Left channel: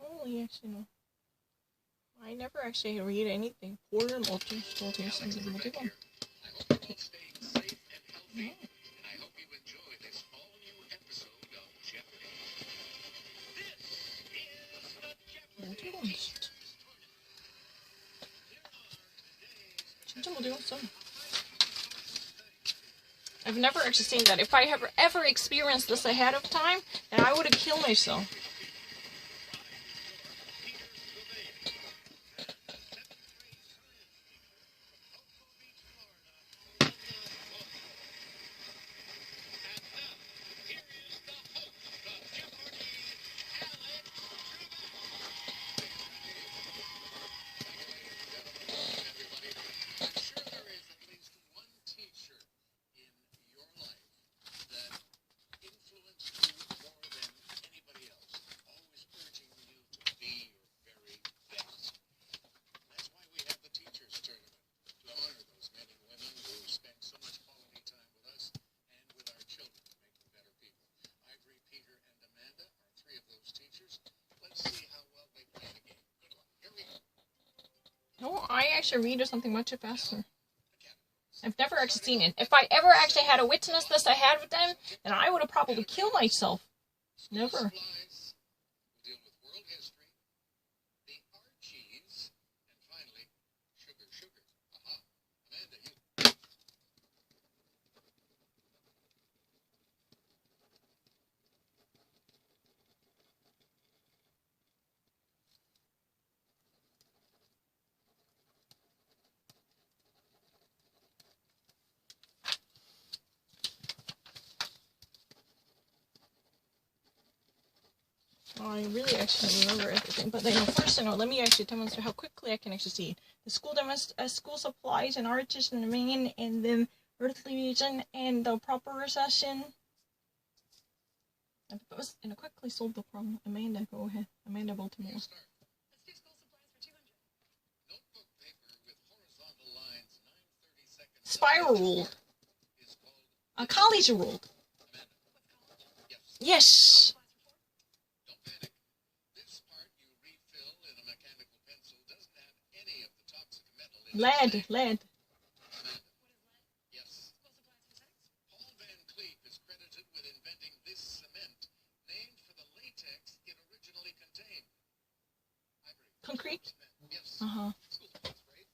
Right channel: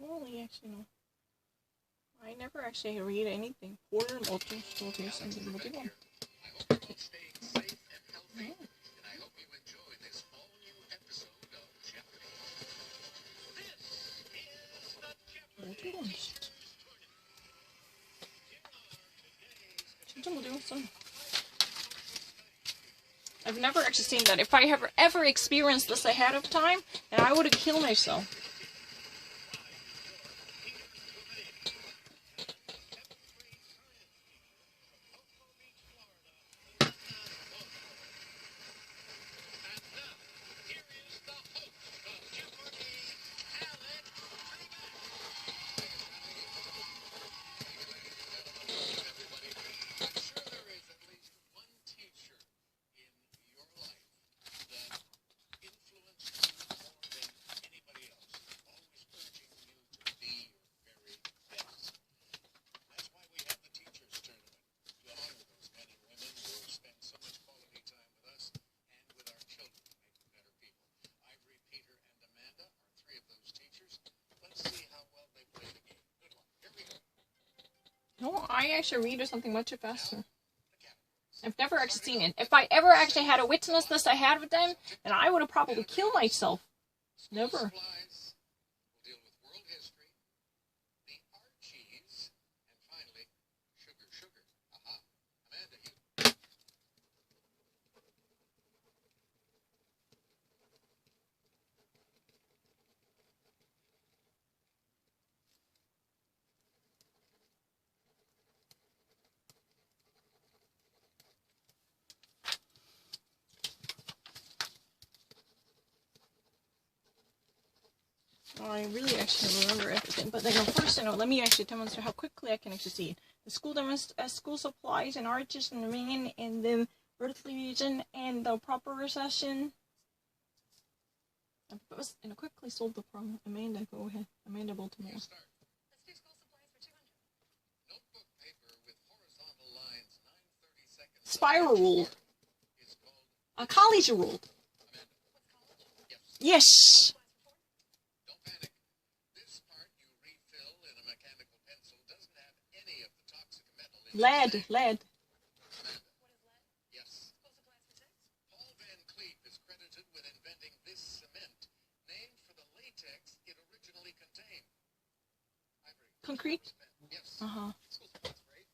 don't really actually know. I never actually read anything. Porter and Ultra Showcase and the multi one. I hope you're all staying safe and healthy, and I hope you enjoy this all-new episode of Jeopardy! This is the Jeopardy! Multi-ones. 진짜 multi-ones. I've never actually seen that. If I have ever experienced this ahead of time, then I would have killed myself. No, I actually read something much faster. I've never actually seen it. If I ever actually had to witness this ahead of them, then I would have probably killed myself. Never. I really actually remember everything, but first, let me actually demonstrate how quickly I can actually see it. The school supplies and arches in the main, and then earthly region, and the proper recession. And I quickly solved the problem. Amanda, go ahead. Amanda Baltimore. Let's do school supplies for 200. Notebook paper with horizontal lines 9/32 Spiral rule. A college rule. Yes. Don't panic. This part you refill in a mechanical pencil doesn't have any of the toxic metal in Lead. Amanda. What is lead? Yes. School supplies for 6? Paul Van Cleef is credited with inventing this cement, named for the latex it originally contained. Ivory. Concrete? Yes. Uh-huh. School supplies for 8.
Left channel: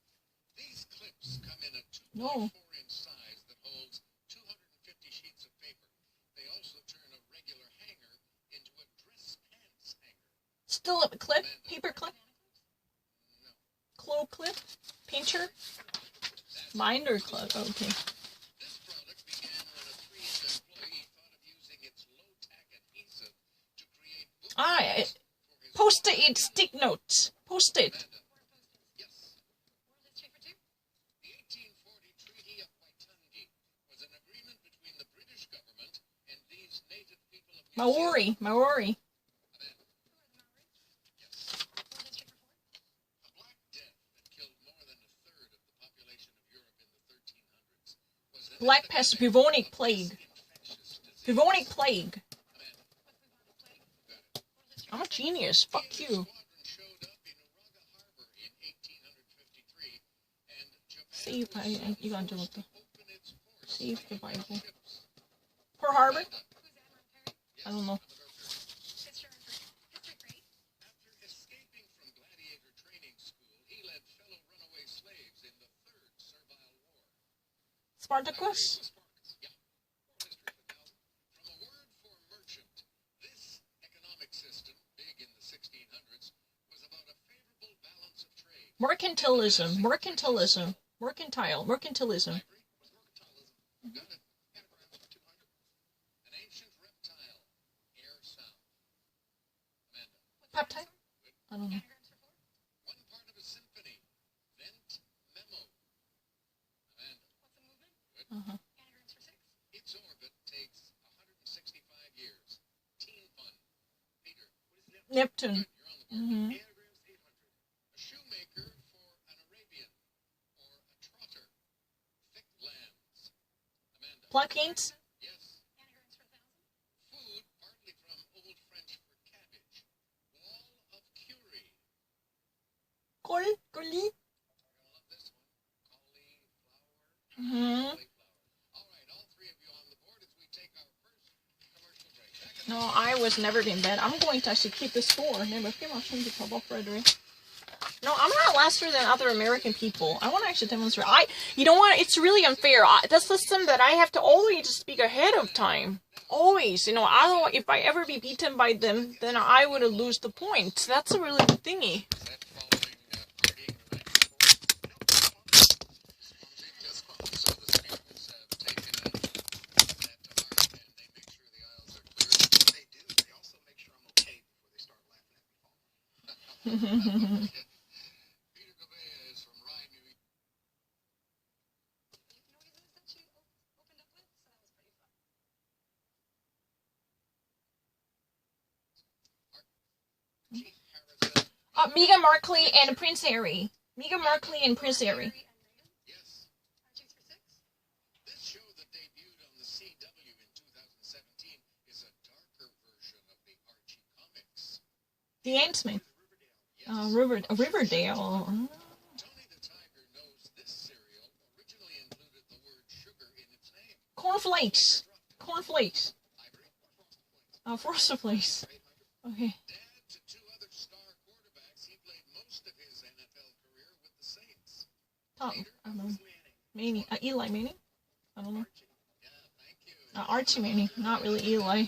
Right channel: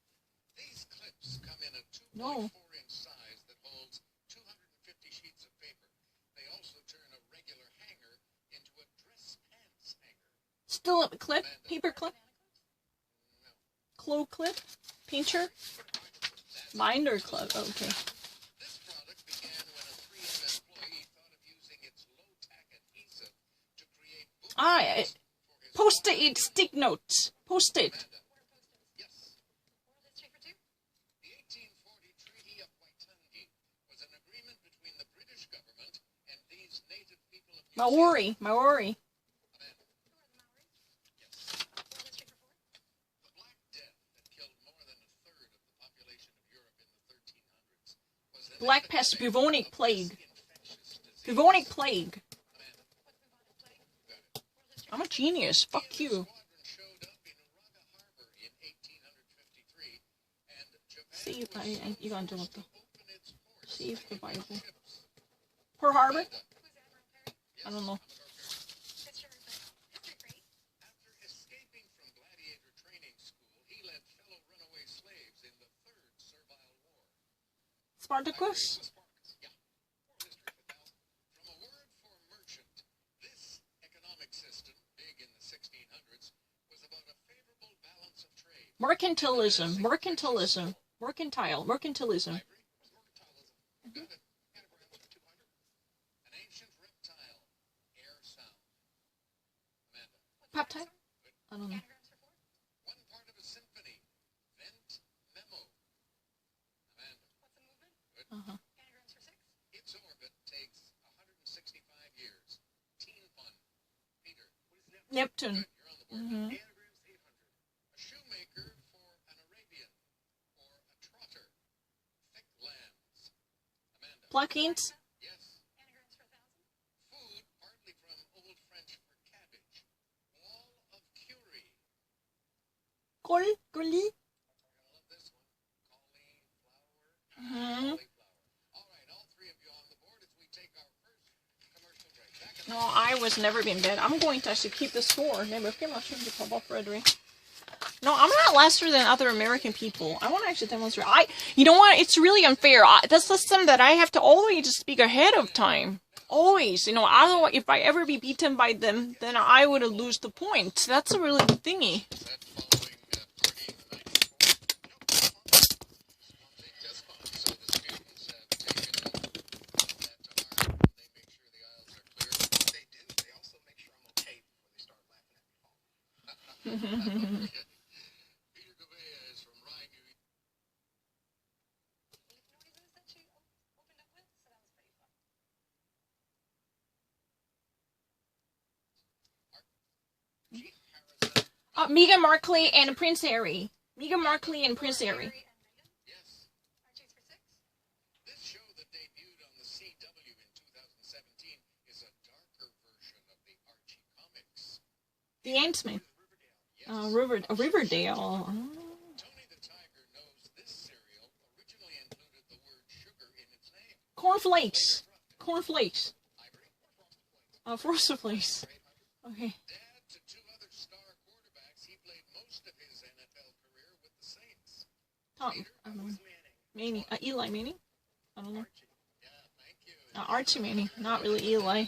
These clips come in a 2.4-inch size that holds 250 sheets of paper. They also turn a regular hanger into a dress pants hanger. Still a clip? Paper clip? No. Clo clip? Pincher? Binder clip. Okay. This product began when a 3M employee thought of using its low-tack adhesive to create bookmarks for his Post-it stick notes. Post-it. Amanda. Yes. World history for 2? The 1840 Treaty of Waitangi was an agreement between the British government and these native people of New Zealand. Maori. Amanda. Who are the Maoris? Yes. World history for 4? A Black Death that killed more than a third of the population of Europe in the 1300s was an Black pest, epidemic bubonic of plague. this infectious disease. Bubonic plague. Amanda. What's bubonic plague? You got it. World history I'm a for 6? genius. Fuck The you. squadron showed up in Raga Harbor in 1853, and Japan See if was you got to forced look. to open its ports See if to the U.S. Bible. ships. Pearl Harbor? Amanda. Who's Admiral Perry? Yes, I don't know. Commodore Perry. History for 8? After escaping from gladiator training school, he led fellow runaway slaves in the Third Servile War. Spartacus? Spartacus, yeah. World history for 1,000. From a word for merchant, this economic system, big in the 1600s, was about a favorable balance of trade. Mercantilism. Mercantile. Ivory was mercantilism. Mhm. Got it. Anagrams for 200. An ancient reptile, air sound. Amanda. What's Peptide? dinosaur? I don't know. Anagrams for 4? One part of a symphony, vent memo. Amanda. What's a movement? Uh-huh. Anagrams for 6? Its orbit takes 165 years. Teen fun. Peter. What is Neptune. Good, you're on the board. Mhm. Anagrams 800. A shoemaker for an Arabian or a trotter. Thick lands. Amanda. Plaquemines? Yes. Anagrams for 1,000? Food, partly from Old French for cabbage. Wall of Coli. You're gonna love this one. Cauliflower. Mm-hmm. All right, all three of you on the board as we take our first commercial break. No, I was never been bad. I'm going to actually keep the score. Never came out from the trouble, Frederick. No, I'm not lesser than other American people. I want to actually demonstrate. You know what? It's really unfair. The system that I have to always speak ahead of time. Always, otherwise, if I ever be beaten by them, then I would lose the point. That's a really good thingy. Is that following partying the night before? No, just fun. So the students have taken that to heart and they make sure the aisles are clear. They do. They also make sure I'm okay before they start laughing at me falling. Peter Gouveia is from rhehe, New York. Noises that she opened up with, so that was pretty fun. Meghan Markle and Prince Harry. Meghan Markle and Prince Harry. Yes. Archie's for 6. This show that debuted on the CW in 2017 is a darker version of the Archie comics. The Ant-Man. Riverdale. Yes. Riverdale. Tony the Tiger knows this cereal originally included the word sugar in its name. Cornflakes. Later dropped it. Cornflakes. Ivory or Frosted Flakes? Frosted Flakes. Okay. Dad to two other star quarterbacks, he played most of his NFL career with the Saints. Peter, I don't know. who's Manning? Manning. Eli Manning? I don't know. Archie. Yeah, thank you. Archie Manning. Not really Eli.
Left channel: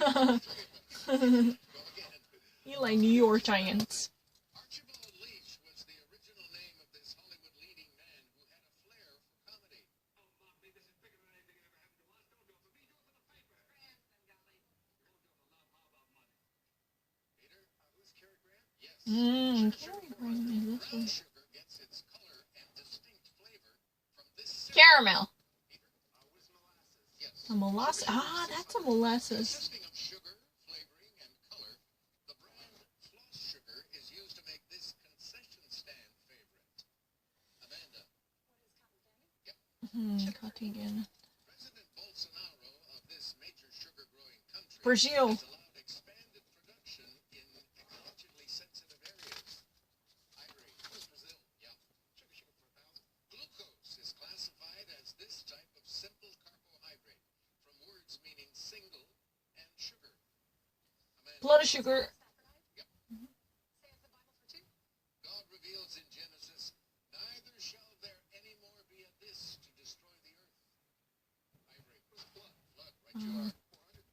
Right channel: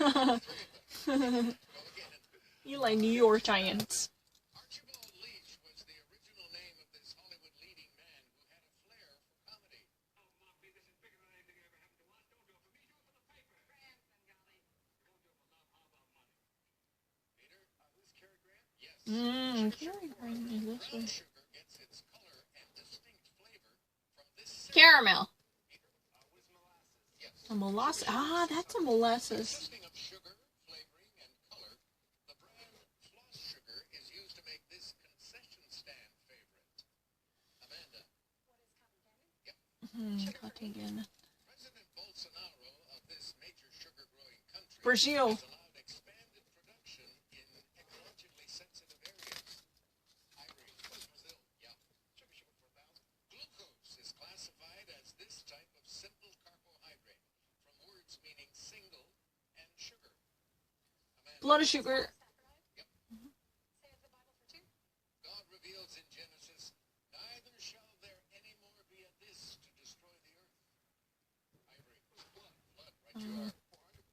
Go again. Eli, New York Giants. Archibald Leach was the original name of this Hollywood leading man who had a flair for comedy. Oh, Mom, this is bigger than anything that ever happened to us. Don't do it for me, do it for the paper. Grant them, golly. We won't do it for love. How about money? Peter, who's Cary Grant? Yes. Cary Grant is this Brown one. sugar gets its color and distinct flavor from this cereal. Caramel. Peter, with molasses. Yes. A molasses. That's a molasses. Consisting of sugar, flavoring, and color, the brand Floss Sugar is used to make this concession stand favorite. Amanda. What is cotton candy? Cotton. President Bolsonaro of this major sugar-growing country Brazil. has allowed expanded production in ecologically sensitive areas. Ivory. What's Brazil? Yeah. Sugar for 1,000. Glucose is classified as this type of simple carbohydrate from words meaning single and sugar. Amanda. Blood sugar. Yep. Say it's the Bible for 2. God reveals in Genesis, neither shall there any more be a this to destroy the earth. Ivory. Blood. Blood. Right you are. 400.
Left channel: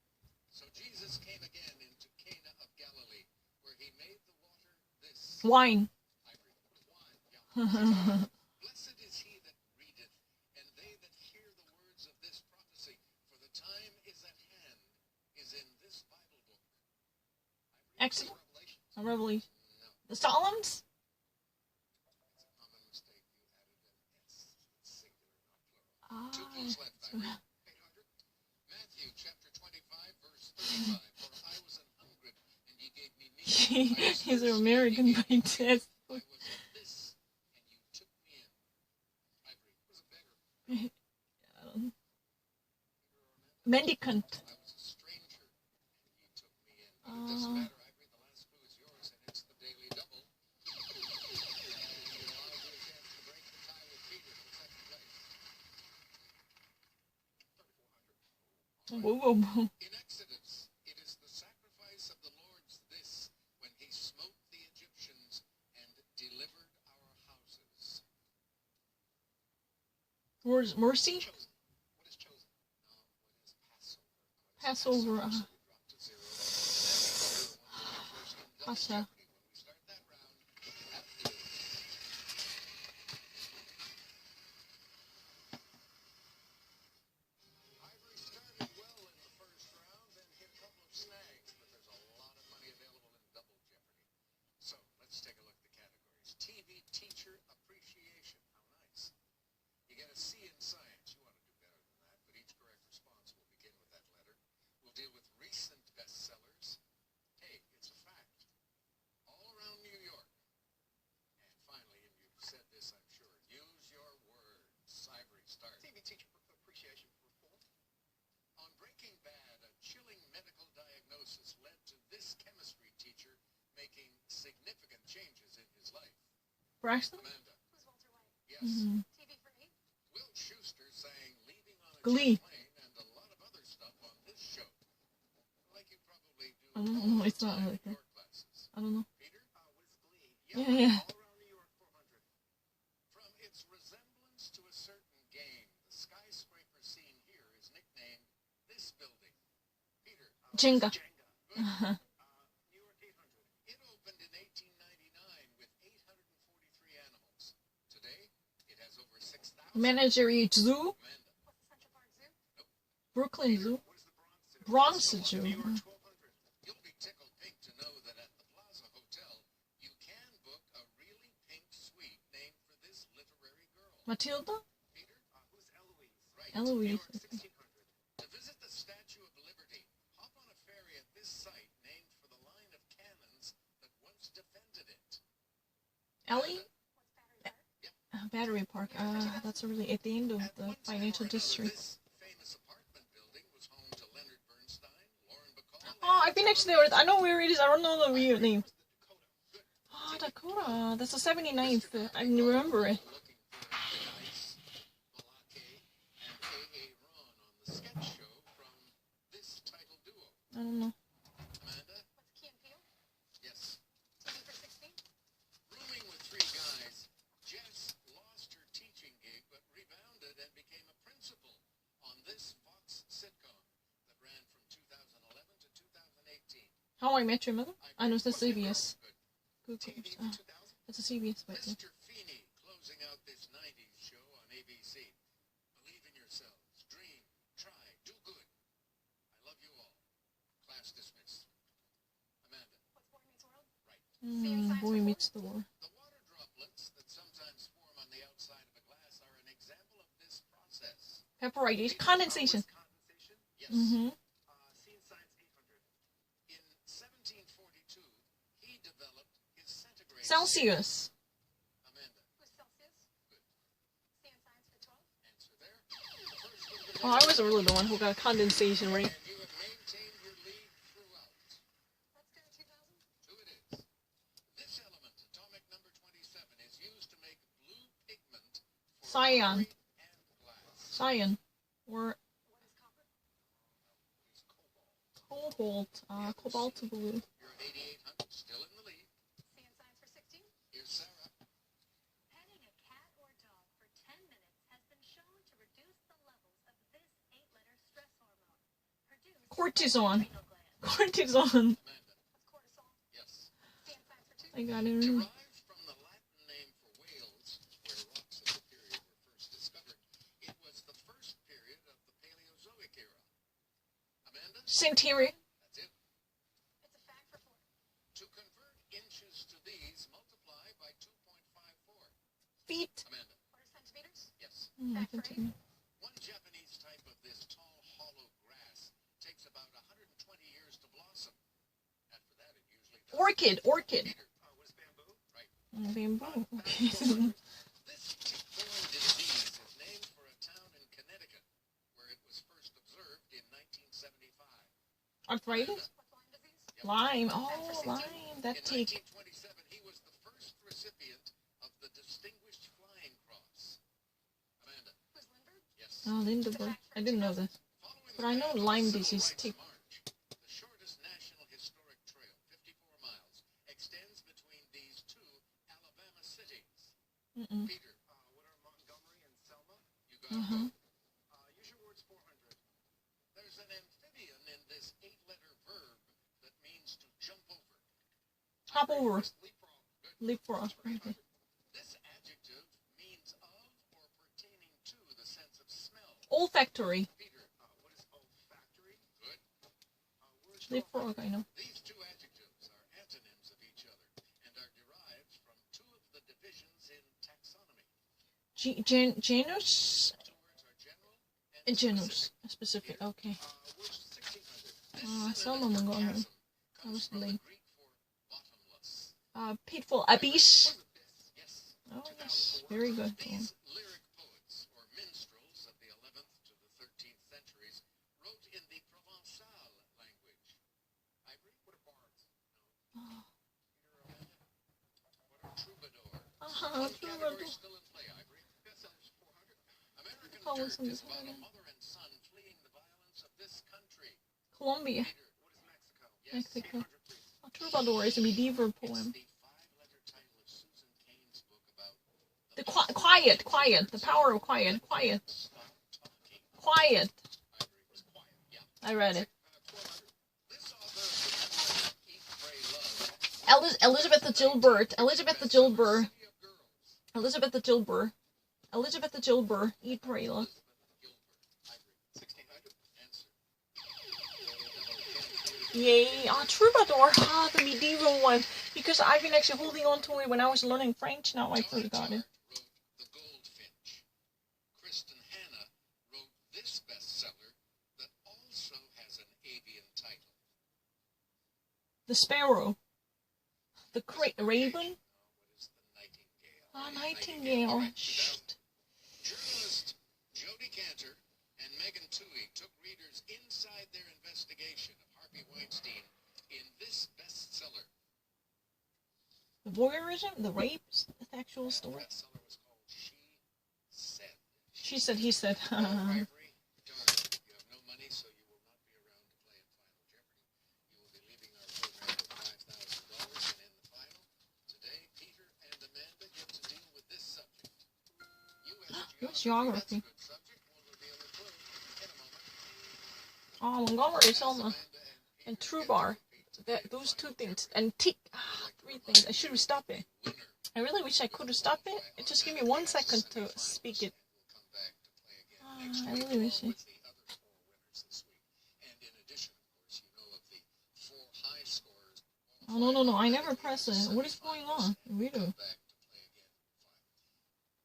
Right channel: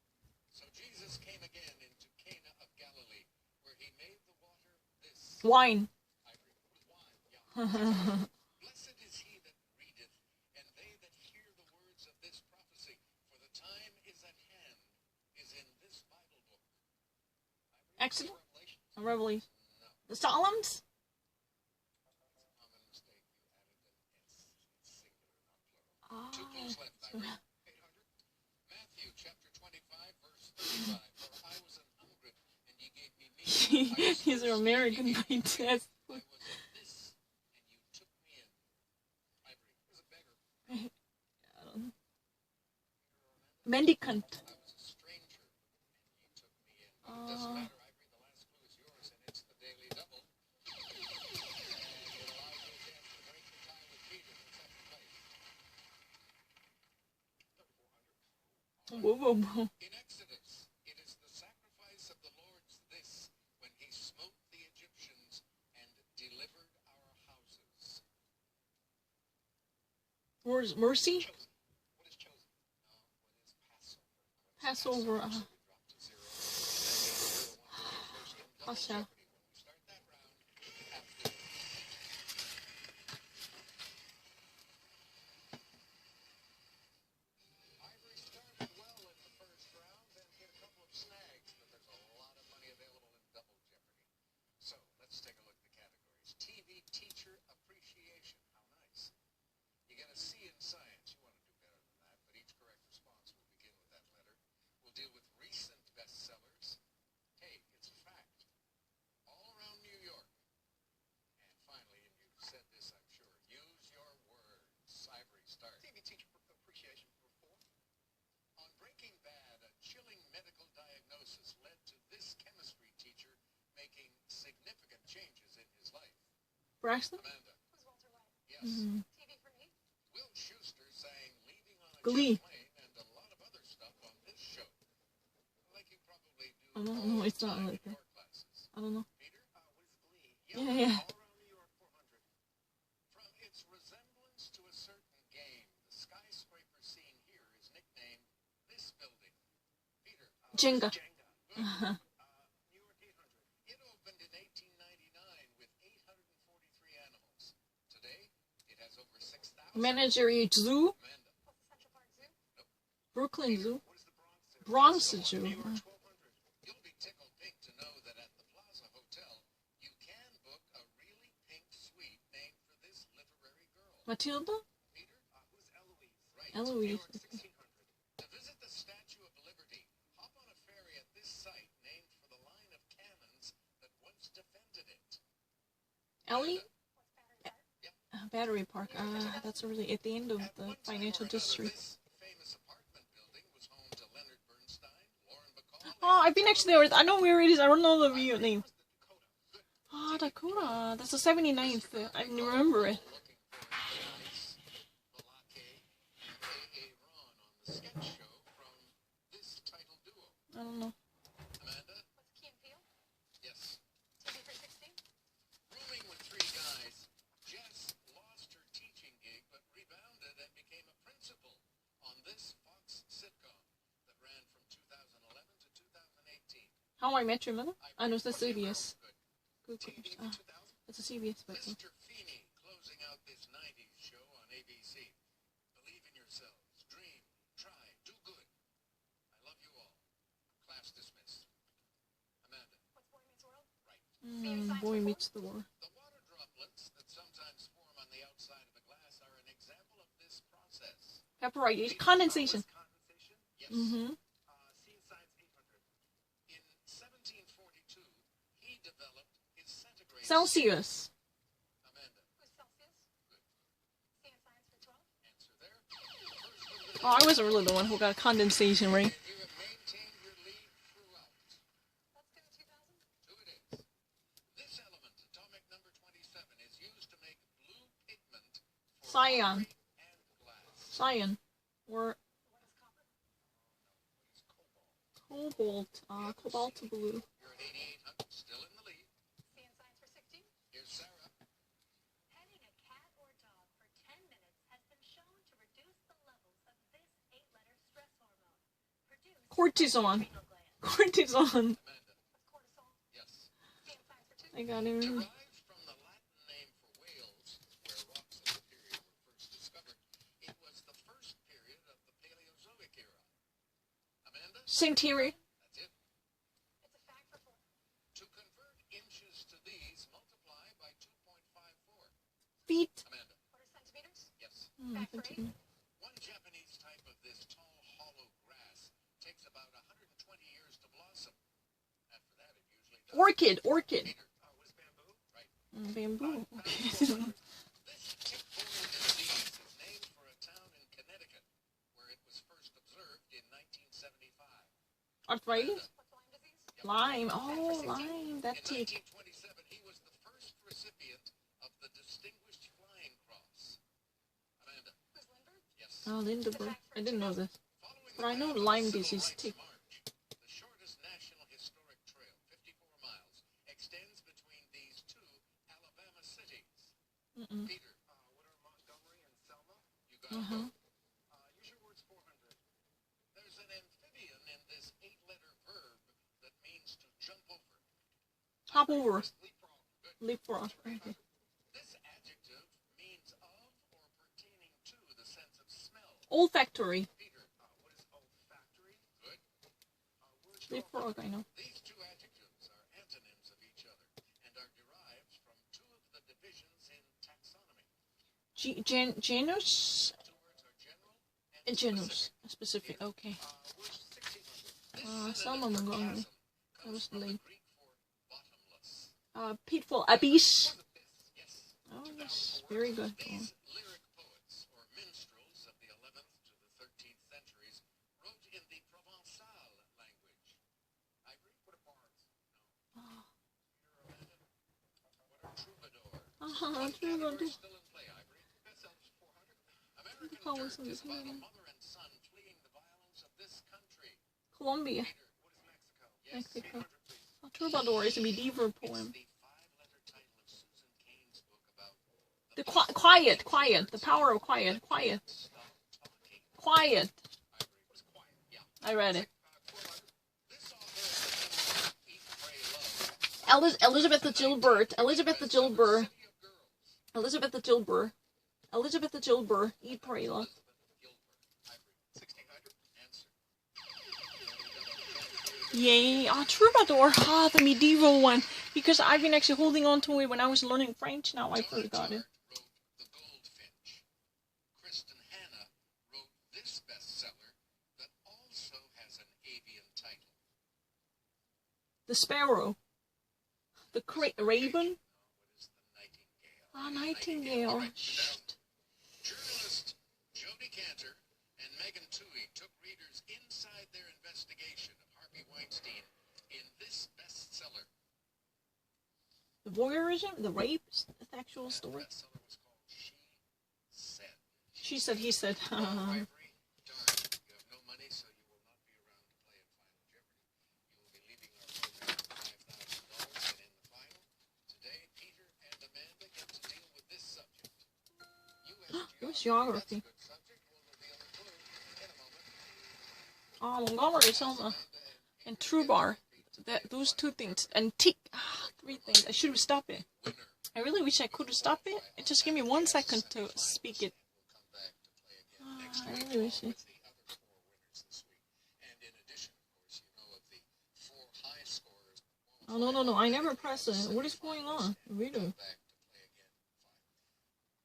So Jesus came again into Cana of Galilee, where he made the water this. Wine. Ivory. Wine. Yeah. Blessed is he that readeth, and they that hear the words of this prophecy, for the time is at hand, is in this Bible book. Ivory. Exodus. Revelation. Revelation. No. The Psalms? That's a common mistake. You added an S. It's singular, not plural. 2 clues left, Ivory. 800. Matthew chapter 25, verse 35. For I was an hungry, and ye gave me meat. I was These are thirsty, American and ye by gave me drink. test. I was this, and you took me in. Ivory was a beggar. Mendicant. I was a stranger, and ye took me in. But it doesn't matter, Ivory. The last clue is yours, and it's the daily double. And it allows you a chance to break the tie with Peter for second place. 3,400. Whoa, whoa, whoa. In Exodus, it is the sacrifice of the Lord's this, when he smote the Egyptians and delivered our houses. Where's mercy? Chosen. What is chosen? No, what is Passover? Passover. We dropped to 0. And that means you're one of the first in double Pascha. jeopardy when we start that round after this. Ivory started well in the first round, then hit a couple of snags, but there's a lot of money available in double jeopardy. So let's take a look at the categories. TV teacher appreciation. How nice. You get a C in science. You want to do better than that, but each correct response will begin with that letter. We'll deal with recent bestsellers. Hey, it's a fact. All around New York. And finally, and you've said this, I'm sure, use your words. Ivory, start. TV teacher appreciation for 4. On Breaking Bad, a chilling medical diagnosis led to this chemistry teacher making significant changes in his life. Braxton? Amanda. Yes. Mm-hmm. Will Schuster sang Leaving on a Glee. Jet Plane and a lot of other stuff on this show. Like you probably do I don't all know. the It's not time like in that. your classes. I don't know. Peter? What is Glee? Yeah. All around New York 400. From its resemblance to a certain game, the skyscraper scene here is nicknamed this building. Peter? Jenga. Good. New York 800. It opened in 1899 with 843 animals. Today, it has over 6,000. Menagerie Zoo? Amanda. What's the Central Park Zoo? Brooklyn Zoo? What is the Bronx Zoo? Zoo. New York 1200. You'll be tickled pink to know that at the Plaza Hotel, you can book a really pink suite named for this literary girl. Matilda? Peter? Who's Eloise? Right. Eloise. New York 1600. To visit the Statue of Liberty, hop on a ferry at this site named for the line of cannons that once defended it. Ellie? What's Battery Park? Battery Park. That's really at the end of At the one time financial or another, district. this famous apartment building was home to Leonard Bernstein, Lauren Bacall, Oh, I've been actually there. I know where it is. I don't know the real name. was the Dakota. Good. Oh, Dakota. That's the 79th. I remember it. Looking for Dice, Balake, and A.A. Ron on the sketch show from this title duo. I don't know. Amanda? What's Key and Peele? Yes. TV for 16? Rooming with three guys, Jess lost her teaching gig but rebounded and became a principal on this Fox sitcom that ran from 2011 to 2018. How I Met Your Mother? I know it's the CBS. Good. Good. TV Ah, 2000. it's a CBS. But Mr. Feeney closing out this 90s show on ABC. Believe in yourselves. Dream. Try. Do good. I love you all. Class dismissed. Amanda. What's Boy Meets World? Boy Meets the World. The water droplets that sometimes form on the outside of a glass are an example of this process. Vaporization. Condensation. Was condensation? Yes. Mm-hmm. Scene Science 800. In 1742, he developed his centigrade. Celsius. Amanda. Who's Celsius? Good. Sea and Science for 12? Answer there. First Oh, I wasn't really the one who got condensation, right? and you have maintained your lead throughout. Let's go 2000. Who it is. This element, atomic number 27, is used to make blue pigment for Cyan. pottery and glass. Cyan. Or What is copper? It's cobalt. cobalt. Cobalt blue. You're at 8,800, still in the lead. Sea and Science for 16? Here's Sarah. Petting a cat or dog for 10 minutes has been shown to reduce the levels of this 8-letter stress hormone produced Cortisone. by the adrenal gland. Cortisone. Amanda. What's cortisol? Yes. Sea and Science for 2? I got it. Derived from the Latin name for Wales, where rocks of the period were first discovered, it was the first period of the Paleozoic era. Amanda? Centauri. That's it. It's a fact for 4. To convert inches to these, multiply by 2.54. Feet. Amanda? What are centimeters? Yes. Fact for 8? One Japanese type of this tall, hollow grass takes about 120 years to blossom. After that, it usually does. Orchid. Peter, what is bamboo? Right. Bamboo. Okay. This tick-borne disease is named for a town in Connecticut where it was first observed in 1975. Arthritis. What's Lyme disease? Yep. Lime. Oh, lime. That In tick. 1927, he was the first recipient of the Distinguished Flying Cross. Amanda? Who's Lindbergh? Yes. Oh, Lindbergh. I didn't know this. Following But I the know path of Lyme the disease Civil tick. Rights March, the shortest national historic trail, 54 miles, extends between these two Alabama cities. Mm-mm. Peter, what are Montgomery and Selma? You got Uh-huh. both. Use your words 400. There's an amphibian in this 8-letter verb that means to jump over. Hop over. Leapfrog. Good. Leapfrog. Okay. This adjective means of or pertaining to the sense of smell. Olfactory. Peter, what is olfactory? Good. Words Leapfrog, I know. These two adjectives are antonyms of each other and are derived from two of the divisions in taxonomy. Genus. Two words are general and Genus. specific. Specific. Okay. Words 1600. This Some synonym for Montgomery. chasm That was comes from the lame. Greek for bottomless. Pitfall. Abyss. What is this? Yes. Oh, yes. Very good. These lyric poets, or minstrels of the 11th to the 13th centuries, wrote in the Provençal language. Ivory? What are bards? No. Oh. Peter, Amanda? What are troubadours? One Troubadour. category still in play, Ivory. That sounds 400. American Call us Dirt in is this about a one. mother and son fleeing the violence of this country. Colombia. Peter, what is Mexico? Yes, Mexico. 800, please. A troubadour is a medieval It's poem. the 5-letter title of Susan Cain's book about The quiet. The power of quiet. Stop talking. Quiet. Ivory was quiet. Yeah. I read it. 1200. This author of the Eat, Pray, Love. Elizabeth the Gilbert. Elizabeth the Gilbert. City of Girls. Elizabeth the Gilbert. Elizabeth the Gilbert. Eat, pray, love. Elizabeth Gilbert. Ivory. 1600. Answer. Yay. Troubadour. The medieval one. Because I've been actually holding on to it when I was learning French. Now I forgot it. Wrote The Goldfinch. Kristen Hanna wrote this bestseller that also has an avian title. The Sparrow. The Raven. What is the Nightingale? Nightingale. All right, Shh. journalist Jodi Cantor and Megan Twohey took readers inside their investigation of Harvey Weinstein in this bestseller. The voyeurism, the rape, the actual story. The bestseller was called She Said. She said, he said. Oh, Ivory, darn, you have no money, so you will not be around to play in Final Jeopardy. You will be leaving our program with $5,000, and in the final, today, Peter and Amanda get to deal with this subject. U.S. geography. That's a good subject. We'll reveal the clue in a moment. Montgomery, Selma, and Trubar. Those two things. And three things. I should have stopped it. I really wish I could have stopped it. Just give me 1 second to speak it. I really wish it. Oh, no. I never press it. What is going on? Weirdo.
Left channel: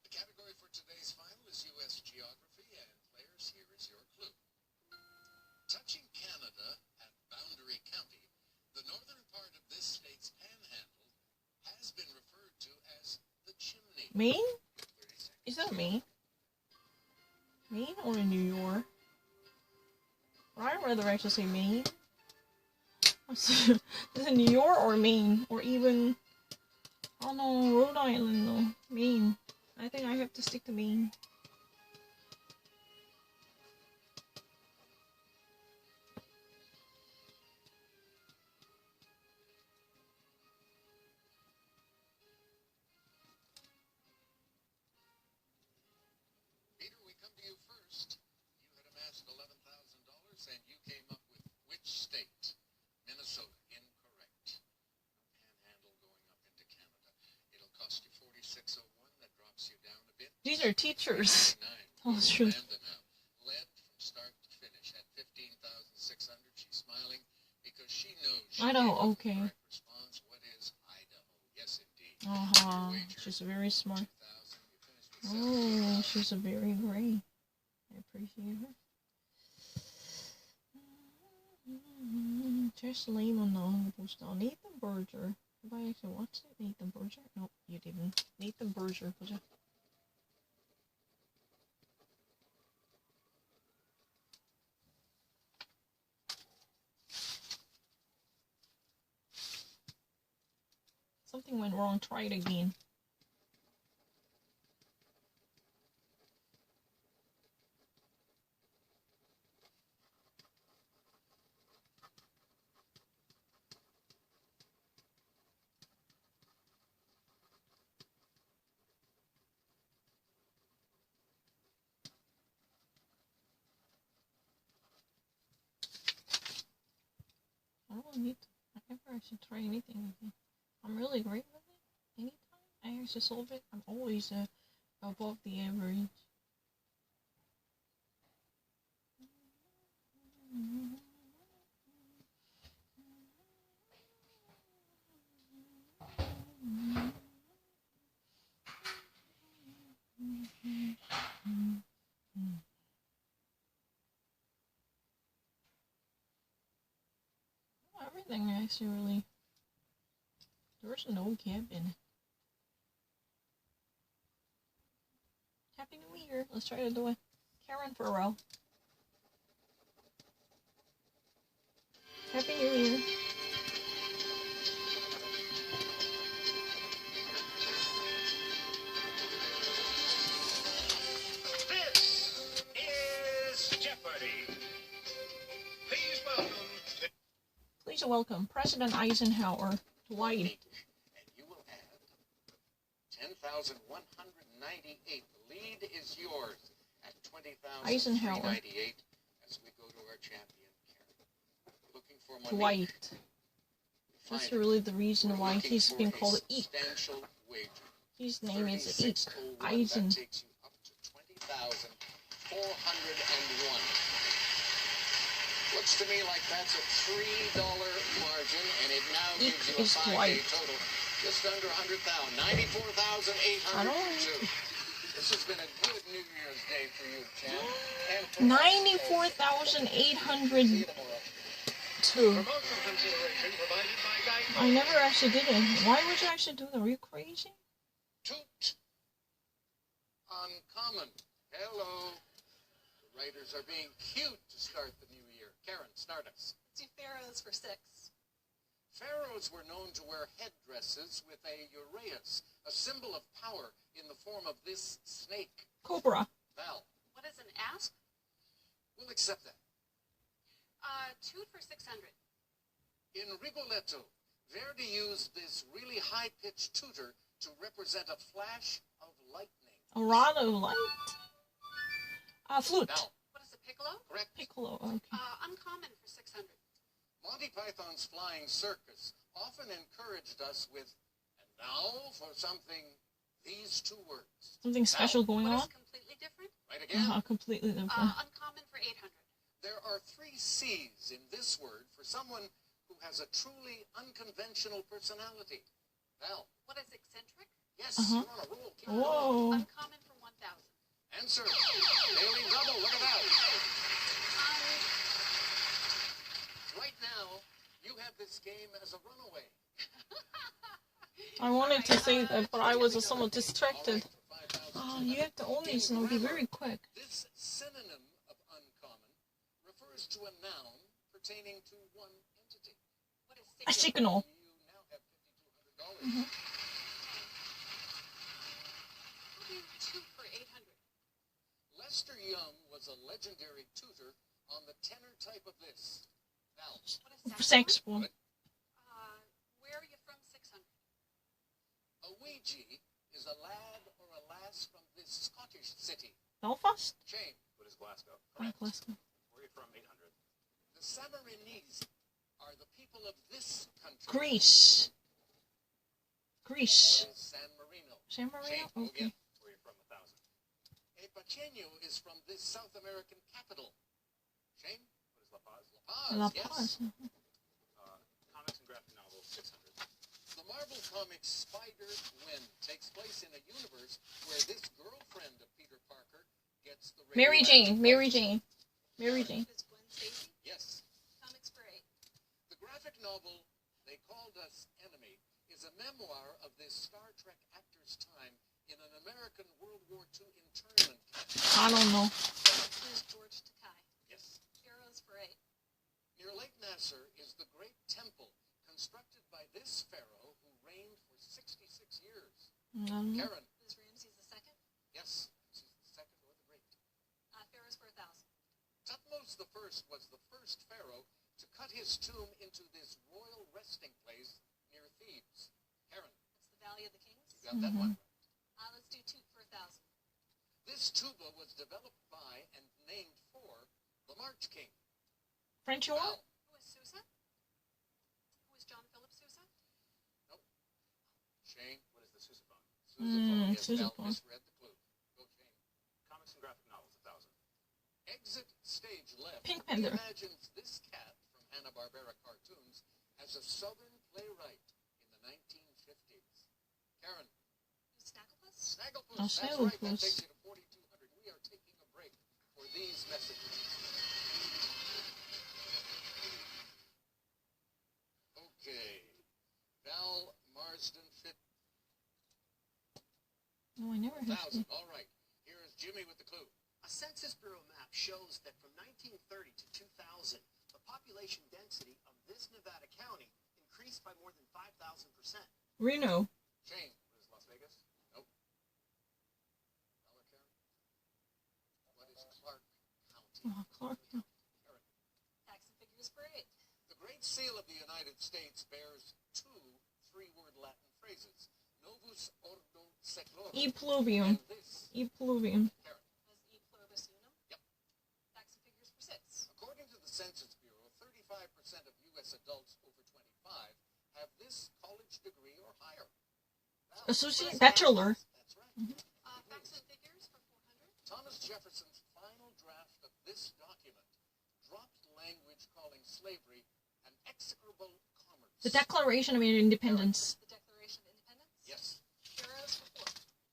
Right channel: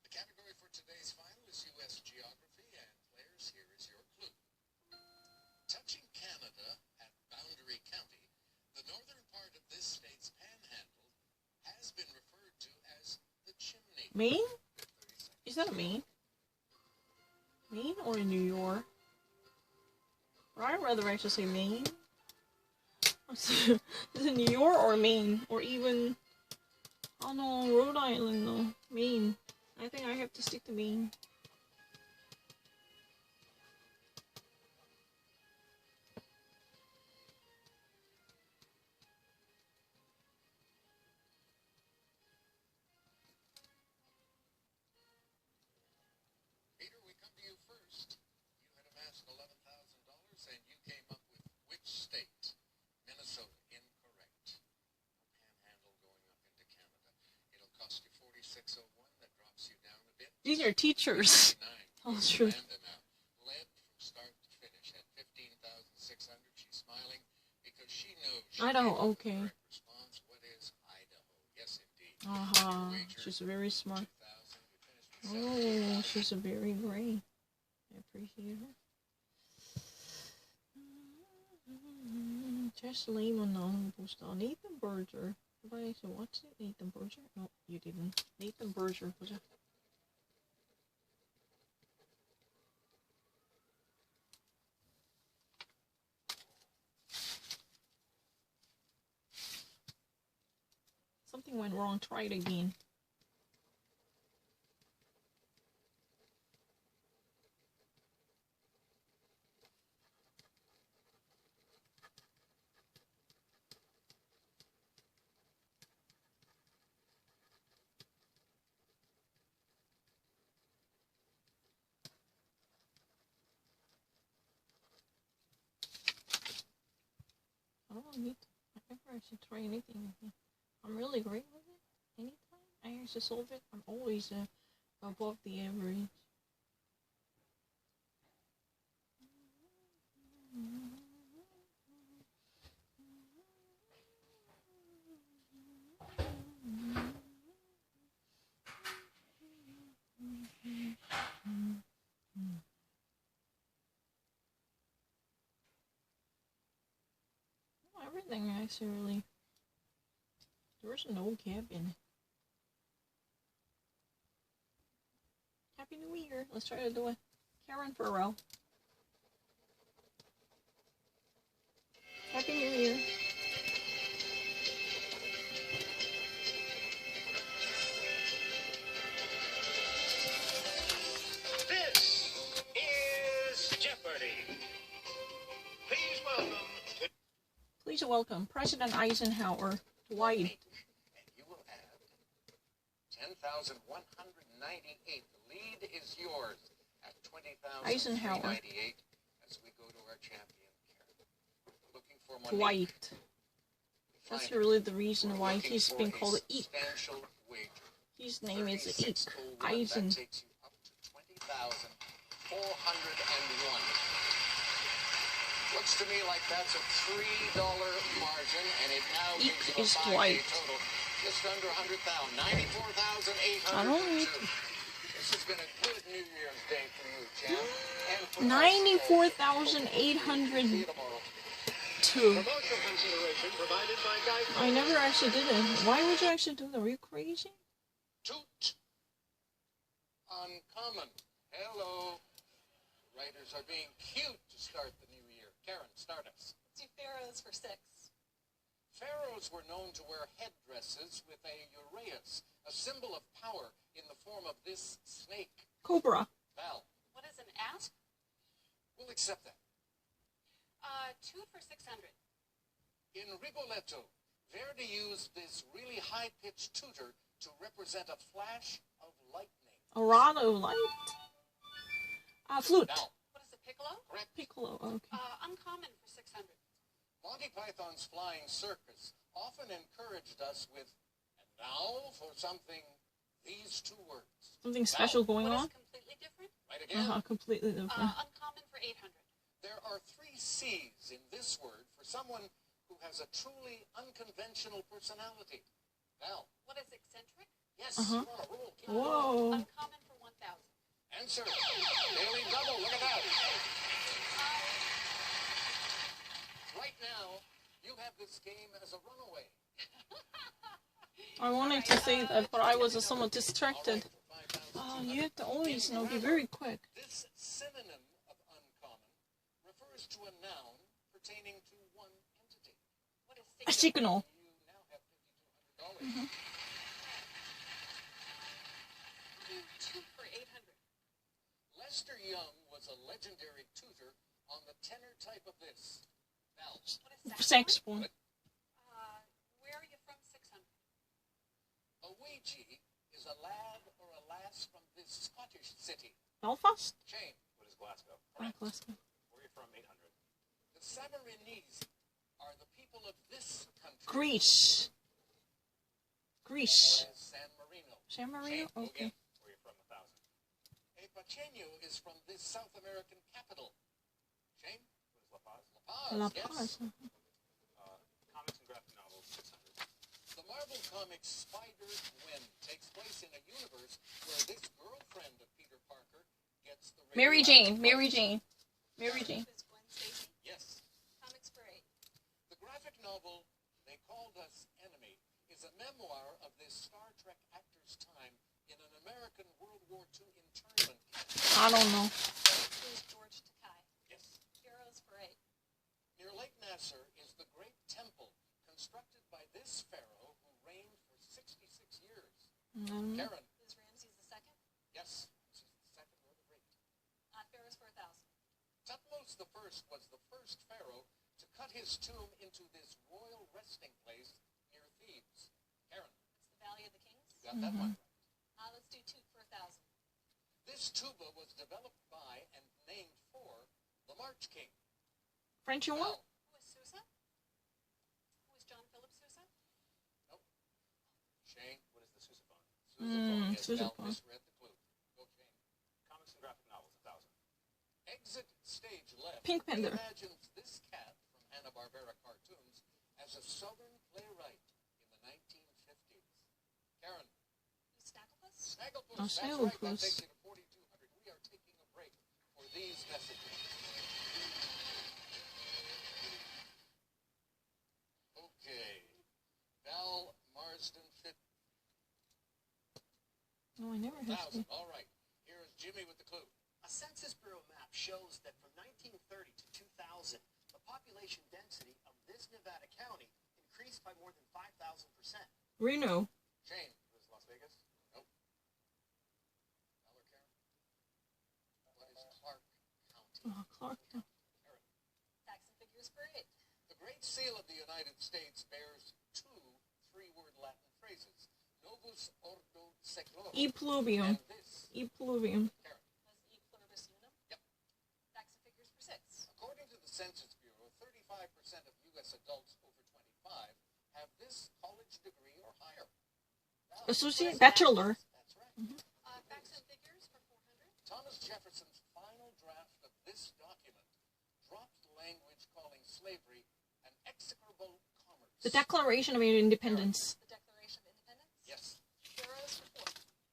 The category for today's final is U.S. geography, and players, here is your clue. Touching Canada at Boundary County, the northern part of this state's panhandle has been referred to as the chimney. Maine? Is that Maine? Maine or New York? Or I'd rather actually say Maine. Is it New York or Maine? Or even, I don't know, Rhode Island though. Maine. I think I have to stick to Maine. Peter, we come to you first. You had amassed $11,000, and you came up with which state? Minnesota. Incorrect. No panhandle going up into Canada. It'll cost you $46.01. That drops you down a bit. These are teachers. 59. Oh, that's true. Amanda now led from start to finish at 15,600. She's smiling because she knows she Idaho, gave okay. the correct response. What is Idaho? Yes, indeed. Uh-huh. Your wager, She's very smart. 2,000. You finished with Oh, she's a very great. I appreciate her. Just Lehman on postal. Nathan Berger. Have I actually watched it? Nathan Berger? Nope, you didn't. Nathan Berger. Was it? Something went wrong. Try it again. I don't need to. I never actually try anything with it. I'm really great with it. Anytime I actually solve it, I'm always above the average. Everything actually really. There's no gap in it. Happy New Year. Let's try to do it. Karen Farrell. Happy New Year. Please welcome President Eisenhower. Dwight. And you will add 10,198. The lead is yours at 20,398 as we go to our champion, Karen. Looking for Monique. Dwight. That's really the reason why he's been called Eek. His name is Eek. Eisen. That takes you up to 20,401. Looks to me like that's a $3 margin, and it now Eek gives you a is 5-day Dwight. total. Just under 100,000. 94,802. This has been a good New Year's Day for you, champ. And for 94,802. Promotional consideration provided by Geico. I never actually did it. Why would you actually do that? Are you crazy? Toot. Uncommon. Hello. The writers are being cute to start the new year. Karen, start us. Let's do pharaohs for 6. Pharaohs were known to wear headdresses with a uraeus, a symbol of power in the form of this snake. Cobra. Val, What is an asp? we'll accept that. Toot for 600. In Rigoletto, Verdi used this really high-pitched tutor to represent a flash of lightning. A rod of light. Flute. Val, What is a piccolo? correct. Piccolo. Okay. Uncommon for 600. Monty Python's Flying Circus often encouraged us with, and now for something, these two words. Something special going What on? is completely different? Right again? Completely different. Uncommon for 800. There are 3 C's in this word for someone who has a truly unconventional personality. Val, What is eccentric? yes, Uh-huh. you're on a roll. Keep it going. Whoa. Uncommon for 1,000. Answer. Daily double, look at that. Right now, you have this game as a runaway. I wanted to say that, but I was somewhat distracted. All right, for 5,000. Oh, you have to always, be very quick. This synonym of uncommon refers to a noun pertaining to one entity. What is A signal? signal. You now have $5,200. We'll do toot for 800. Lester Young was a legendary tutor on the tenor type of this. Val, What is Saxophone. Where are you from? 600. a Ouija is a lad or a lass from this Scottish city. Belfast? Shane, What is Glasgow? Glasgow. Where are you from? 800. the Samarinese are the people of this country. Greece. Greece. What is San Marino? San Marino? Shane, go Okay. again. Where are you from? 1,000. A Pacheco is from this South American capital. Shane? What is La Paz? La La Paz, Paz. yes. Comics and graphic novels. 600. The Marvel Comics Spider-Gwen takes place in a universe where this girlfriend of Peter Parker gets the Mary Jane. radioactive Mary bug. Jane. Mary Jane. Is Gwen Stacy? Yes. Comics for 8. The graphic novel They Called Us Enemy is a memoir of this Star Trek actor's time in an American World War II internment camp. I don't know. Who is George Takai? Yes. Heroes for 8. Near Lake Nasser is the Great Temple, constructed by this pharaoh who reigned for 66 years. Karen. Is Ramses the second? Yes. She's the second or the great. Pharaohs for 1,000. Tutmos the First was the first pharaoh to cut his tomb into this royal resting place near Thebes. Karen, That's the Valley of the Kings. you got that one right. Let's do toot for 1,000. This tuba was developed by and named for the March King. French horn? Val, Who is Sousa? Who is John Philip Sousa? Shane, What is the sousaphone? sousaphone. Yes, Val sousaphone. misread the clue. Go, Shane. Comics and graphic novels. 1,000. Exit stage left. Pink Panther. Reimagines this cat from Hanna-Barbera cartoons as a Southern playwright in the 1950s. Karen, Who's Snagglepuss? Snagglepuss. Oh, That's right. That Snagglepuss. takes you to 4,200. We are taking a break for these messages. Okay. Val Marsden Fit No, I never had 1,000. All right. Here is Jimmy with the clue. A Census Bureau map shows that from 1930 to 2000, the population density of this Nevada county increased by more than 5,000%. Reno. Shane. What is Las Vegas? Nope. Val or Karen? What is Clark County? Clark. Karen. Facts and figures for 8. The Great seal of the United States bears two three-word Latin phrases. Novus ordo seclorum. E pluvium. And this, E pluvium. Karen. Was E pluribus unum? Yep. Facts and figures for 6. According to the Census Bureau, 35% of U.S. adults over 25 have this college degree or higher. Now, Associate Bachelor. that's right. Facts and figures for 400. Thomas Jefferson's final draft of this document dropped language calling slavery an execrable commerce. The Declaration of Independence. The Declaration of Independence. Yes. Pharaohs for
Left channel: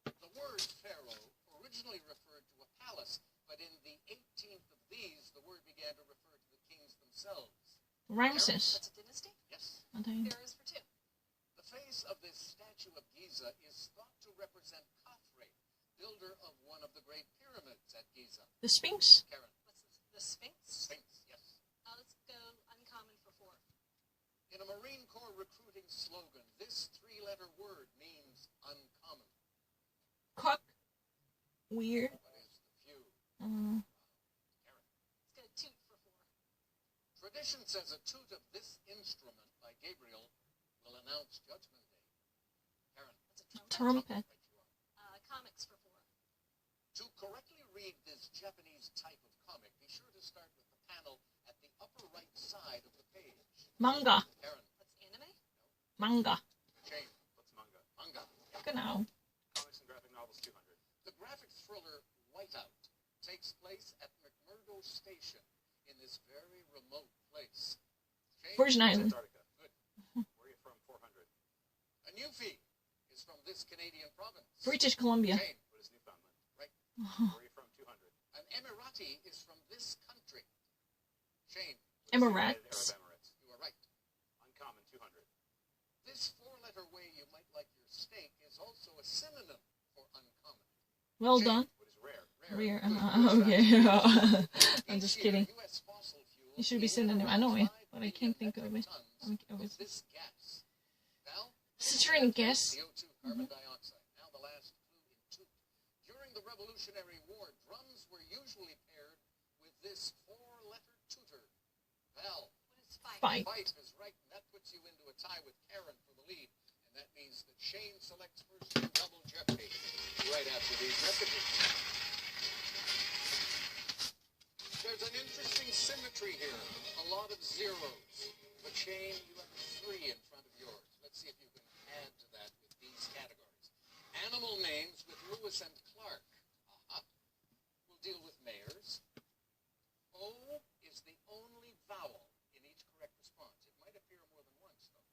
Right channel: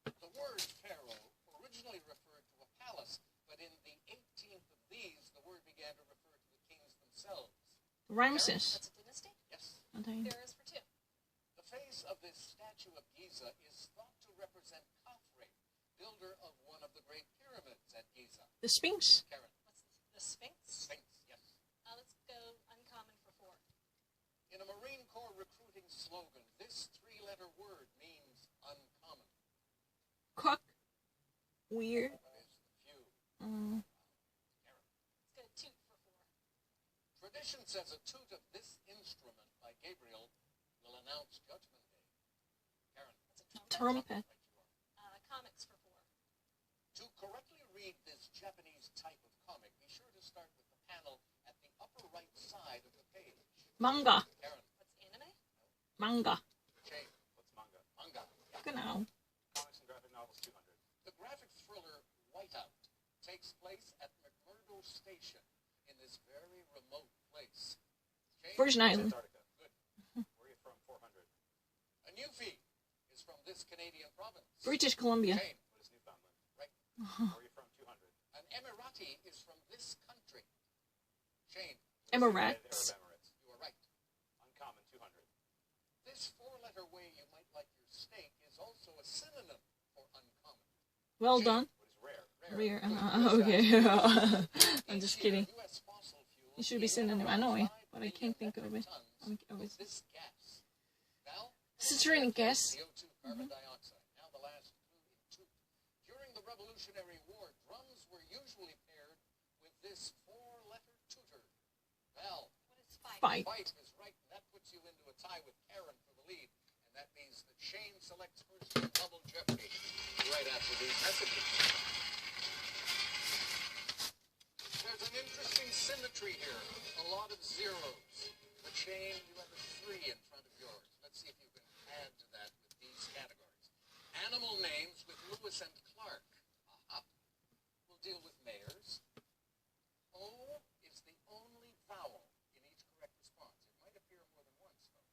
4. The word pharaoh originally referred to a palace, but in the 18th of these, the word began to refer to the kings themselves. Ramses. That's a dynasty. Yes. Okay. Pharaohs for 2. The face of this statue of Giza is thought to represent Khafre, builder of one of the great pyramids at Giza. The Sphinx. Karen. What's the Sphinx? Sphinx, yes. Let's go uncommon for 4. In a Marine Corps recruiting slogan, this three-letter word means uncommon. Cook. Weird. What is the few? Uh, Karen. Let's go toot for 4. Tradition says a toot of this instrument by Gabriel will announce Judgment Day. Karen. That's a trumpet. trumpet. Right you are. Comics for 4. To correctly read this Japanese type of comic, be sure to start with the panel at the upper right side of the page. Manga. Karen. What's anime? Manga. Shane. What's manga? Manga. Genau. Comics and graphic novels 200. The graphic thriller Whiteout takes place at McMurdo Station in this very remote place. Shane? Virgin Island. Antarctica. Good. Where are you from? 400. A Newfie is from this Canadian province. British Columbia. Shane. What is Newfoundland? Right. Where are you from? 200. An Emirati is from this country. Shane. Emirates. Arab Emirates. You are right. Uncommon 200. This four-letter way you might like your steak is also a synonym for uncommon. Well Shane. done. What is rare? Rare. Good. Okay. I'm Each just year, kidding. US fossil fuels It should be emit synonym. I around know it, 5 but I can't million think of metric it. tons Of of this gas. Val? Citrine gas. CO2, carbon dioxide. Now the last clue in toot. During the Revolutionary War, drums were usually paired with this four-letter tutor. Val? What is fight? Fight. Fight is right, and that puts you into a tie with Karen for the lead. And that means that Shane selects first in Double Jeopardy right after these messages. There's an interesting symmetry here. A lot of zeros. But Shane, you have a 3 in front of yours. Let's see if you can add to that with these categories. Animal names with Lewis and Clark. Aha. We'll deal with mayors. O is the only vowel in each correct response. It might appear more than once, though.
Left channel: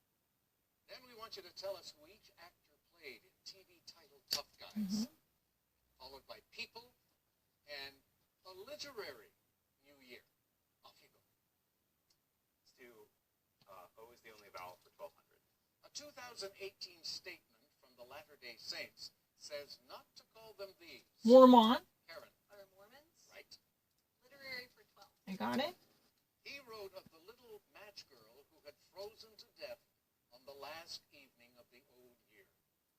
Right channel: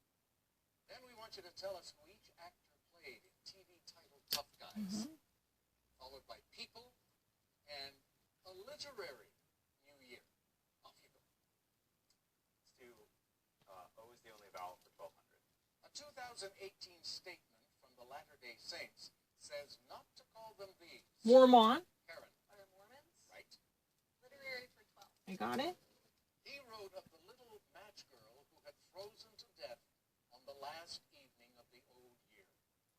Then we want you to tell us who each actor played in TV titled Tough Guys, followed by people and a literary new year. Off you go. Let's do O is the only vowel for 1200. A 2018 statement from the Latter-day Saints says not to call them these. Mormon. Karen, Are Mormons? right? Literary for 12. I got it. He wrote of the little match girl who had frozen to death on the last evening of the old year.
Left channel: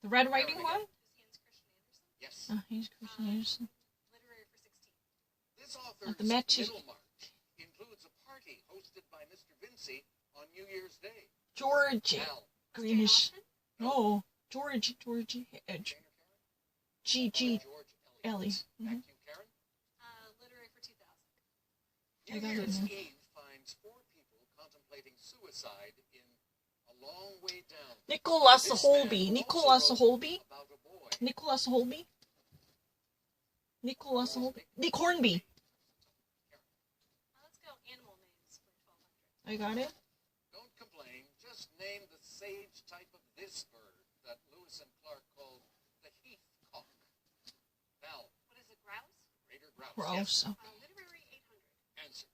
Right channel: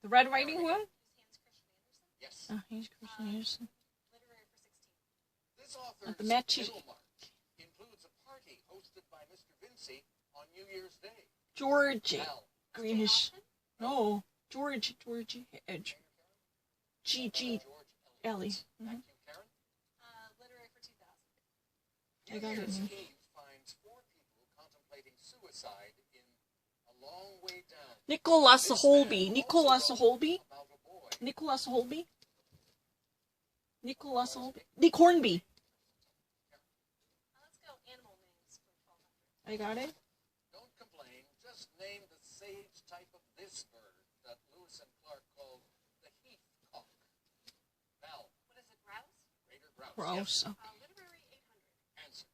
The Red Riding Hood. Who's Hans Christian Andersen? Yes. He's Christian Anderson. Literary for 16. This author's the matches. Middlemarch includes a party hosted by Mr. Vinci on New Year's Day. George. Al, Greenish. Jane Austen? No. George. Edge. Jane or Karen? G. George Ellie. Back to you, Karen. Literary for 2000. I New got it, Year's yeah. Eve finds 4 people contemplating suicide in A Long Way Down. Nicholas This Holby. man Nicholas also Holby. wrote about a boy. Nicholas Holby. Nicholas Holby. Nick Hornby. Let's go animal names for 1200. I got it. Don't complain. Just name the sage type of this bird that Lewis and Clark called the heathcock. Val, What is a grouse? greater grouse. Gross. Yes. Literary 800. Answer.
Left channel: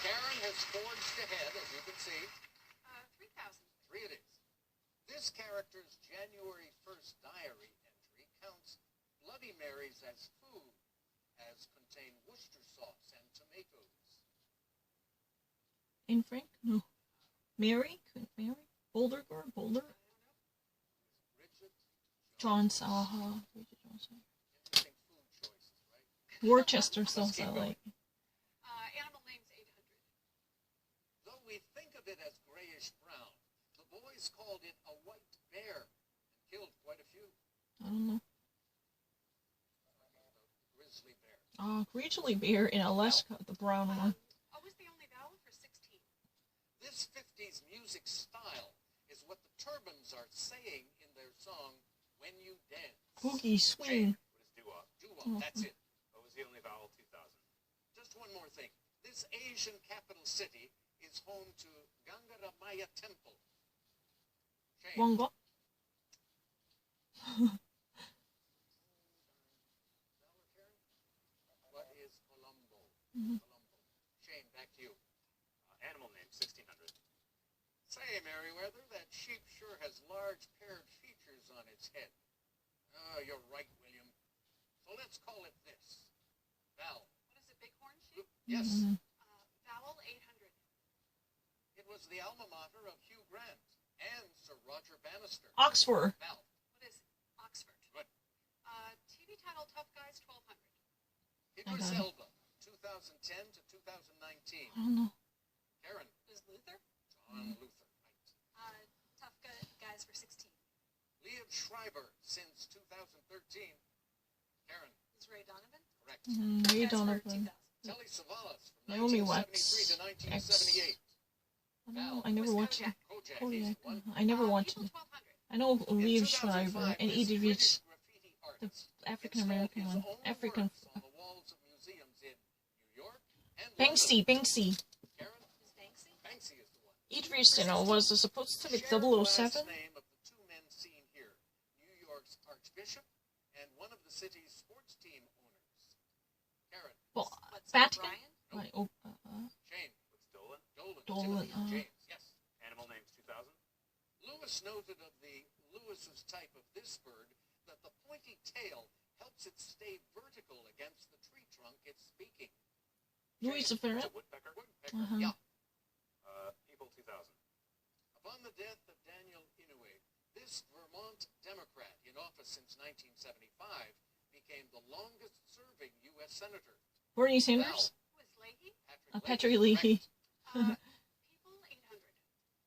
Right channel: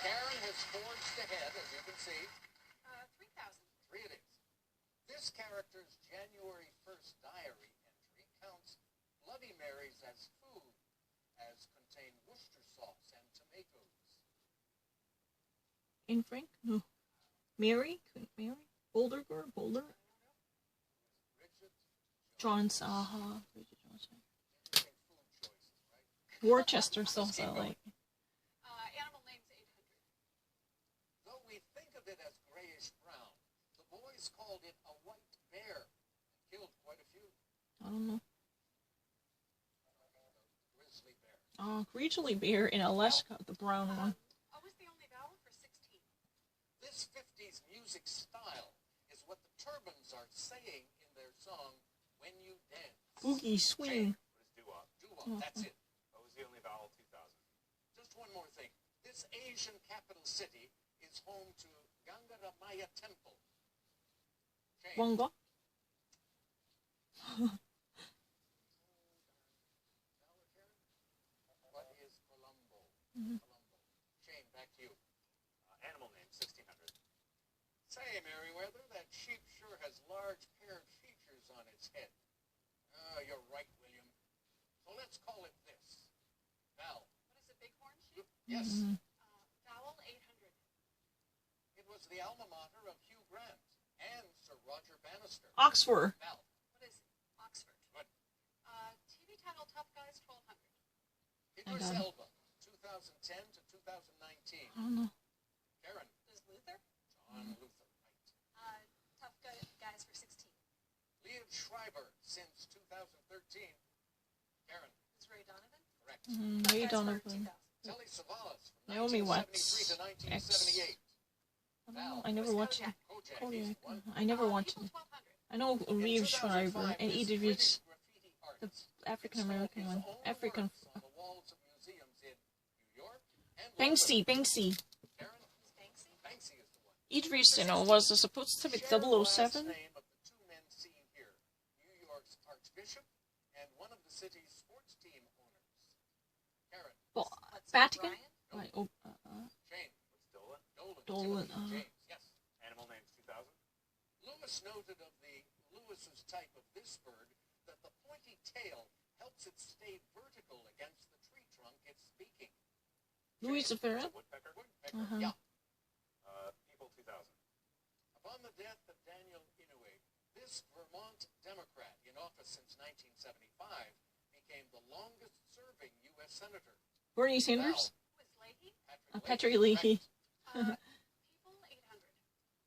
Karen has forged ahead, as you can see. 3000. 3 it is. This character's January 1st diary entry counts Bloody Marys as food, as contain Worcester sauce and tomatoes. Anne Frank? No. Mary? Couldn't Mary? Boulder girl? Boulder? Bridget Johnson. Bridget Johnson. Interesting food choices, right? Worcester sauce I like. Animal names 800. it as grayish-brown. The boys called it a white bear and killed quite a few. I don't know. Grizzly bear. Grizzly bear in Alaska, the brown one. What was the only vowel for 16? This 50s music style is what the Turbans are saying in their song, When You Dance. Boogie swing. What is doo-wop? Doo-wop, that's it. What was the only vowel 2000? Just one more thing. This Asian capital city is home to Gangaramaya Temple. Shane. Wonga. What is Colombo? Mhm. Colombo. Shane, back to you. Animal name, 1600. Say, Meriwether, that sheep sure has large paired features on its head. Oh, you're right, William. So let's call it this. Val. What is a bighorn sheep? Yes, Mhm. Vowel 800. it was the alma mater of Hugh Grant and Sir Roger Bannister. Oxford. Val. What is Oxford? Good. TV title Tough Guys 1200. Idris got it. Elba, 2010 to 2019. I don't know. Karen. Is Luther? John Luther. Right. Tough Guys for 16. Liev Schreiber, since 2013. Karen. Is Ray Donovan? Correct. Tough Ray Guys for Donovan. 2000. Telly Savalas, from Naomi 1973 to Watts. 1978. I don't know. I never Was watched it. Kojak. Kojak, he's Kojak. the one. I never watched People it. 1200. I know In Liev 2005, Schreiber and this Edith British Reitz, graffiti artist African American installed one. his own African. works on the walls of museums in New York and Banksy. London. Banksy. Karen. Is Banksy? Banksy is the one. Idris was supposed to be Share the last 007. name of the two men seen here, New York's Archbishop and one of the city's sports team owners. Karen. Well, What's Vatican? O'Brien? Like, Shane. What's Dolan? Dolan, Timothy, James. Yes. Animal names, 2000. Lewis noted of the Lewis's type of this bird that the pointy tail helps it stay vertical against the tree trunk it's speaking. Louis It's a Ferret. woodpecker. Woodpecker, Uh-huh. yeah. People, 2000. Upon the death of Daniel Inouye, this Vermont Democrat in office since 1975 became the longest-serving U.S. senator. Bernie Sanders. Who is Leahy? Patrick Leahy. correct. People 800.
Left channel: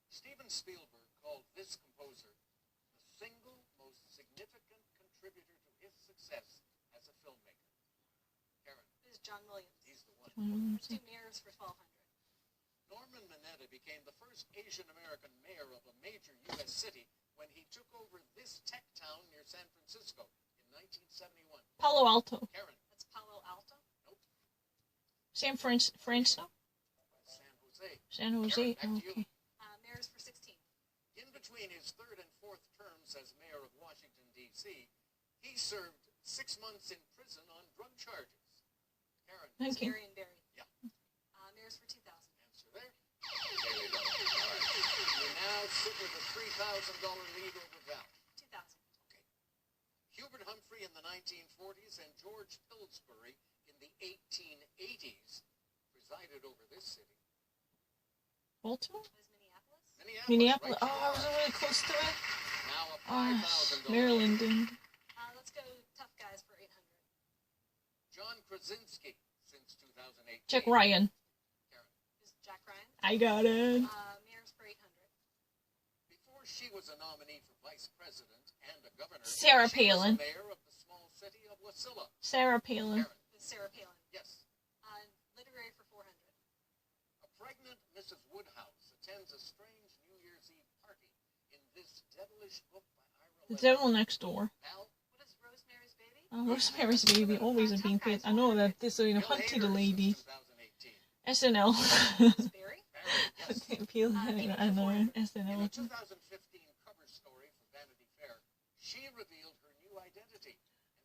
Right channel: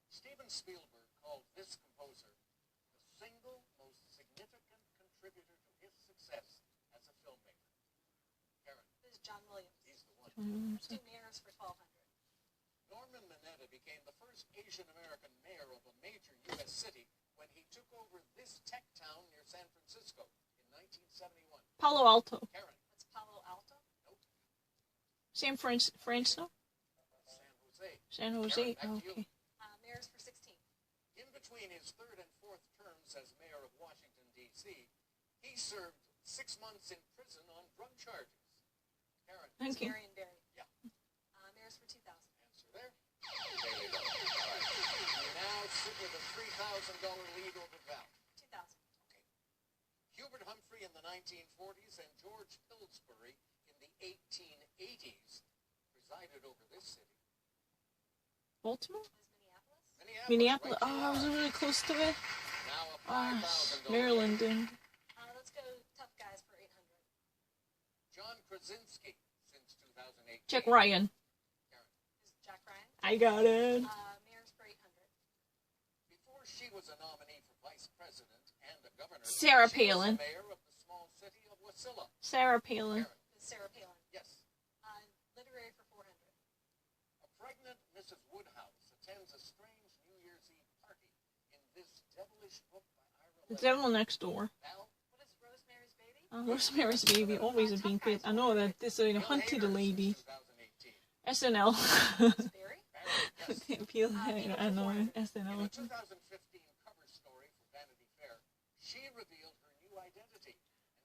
Steven Spielberg called this composer the single most significant contributor to his success as a filmmaker. Karen, Is John Williams. he's the one. Let's do mayors for 1200. Norman Mineta became the first Asian American mayor of a major U.S. city when he took over this tech town near San Francisco in 1971. Palo Alto. Karen, That's Palo Alto. nope. San Francisco. San Jose. San Jose. Karen, back to you. Okay. Mayors for 16. In between his third and fourth terms as mayor of Washington, D.C., he served 6 months in prison on drug charges. Karen, Thank you. Marion Barry. Yeah. Mayors for 2000. answer there. There you go. All right. You now sit with a $3,000 lead over Val. 2000. Okay. Hubert Humphrey in the 1940s and George Pillsbury in the 1880s presided over this city. Baltimore. Was Minneapolis? Minneapolis. right Oh, I was there. really close to it. Now a $5,000 Maryland. lead. Let's go Tough Guys for 800. John Krasinski since 2008. Jack Ryan. Karen. Is Jack Ryan? I got it. Mayors for 800. Before she was a nominee for vice president and a governor, Sarah she was Palin. the mayor of the small city of Wasilla. Sarah Palin. Karen. Is Sarah Palin. Yes. Literary for 400. A pregnant Mrs. Woodhouse attends a strange New Year's Eve party in this devilish book by Ira The Levin. Devil Next Door. Val, What is Rosemary's Baby? Rosemary's Baby always has been good. I know that this is Bill Hunted Hader the Lady. since 2018. SNL. Is Barry? Barry, yes. I know In SNL. a 2015 cover story for Vanity Fair, she revealed her new identity.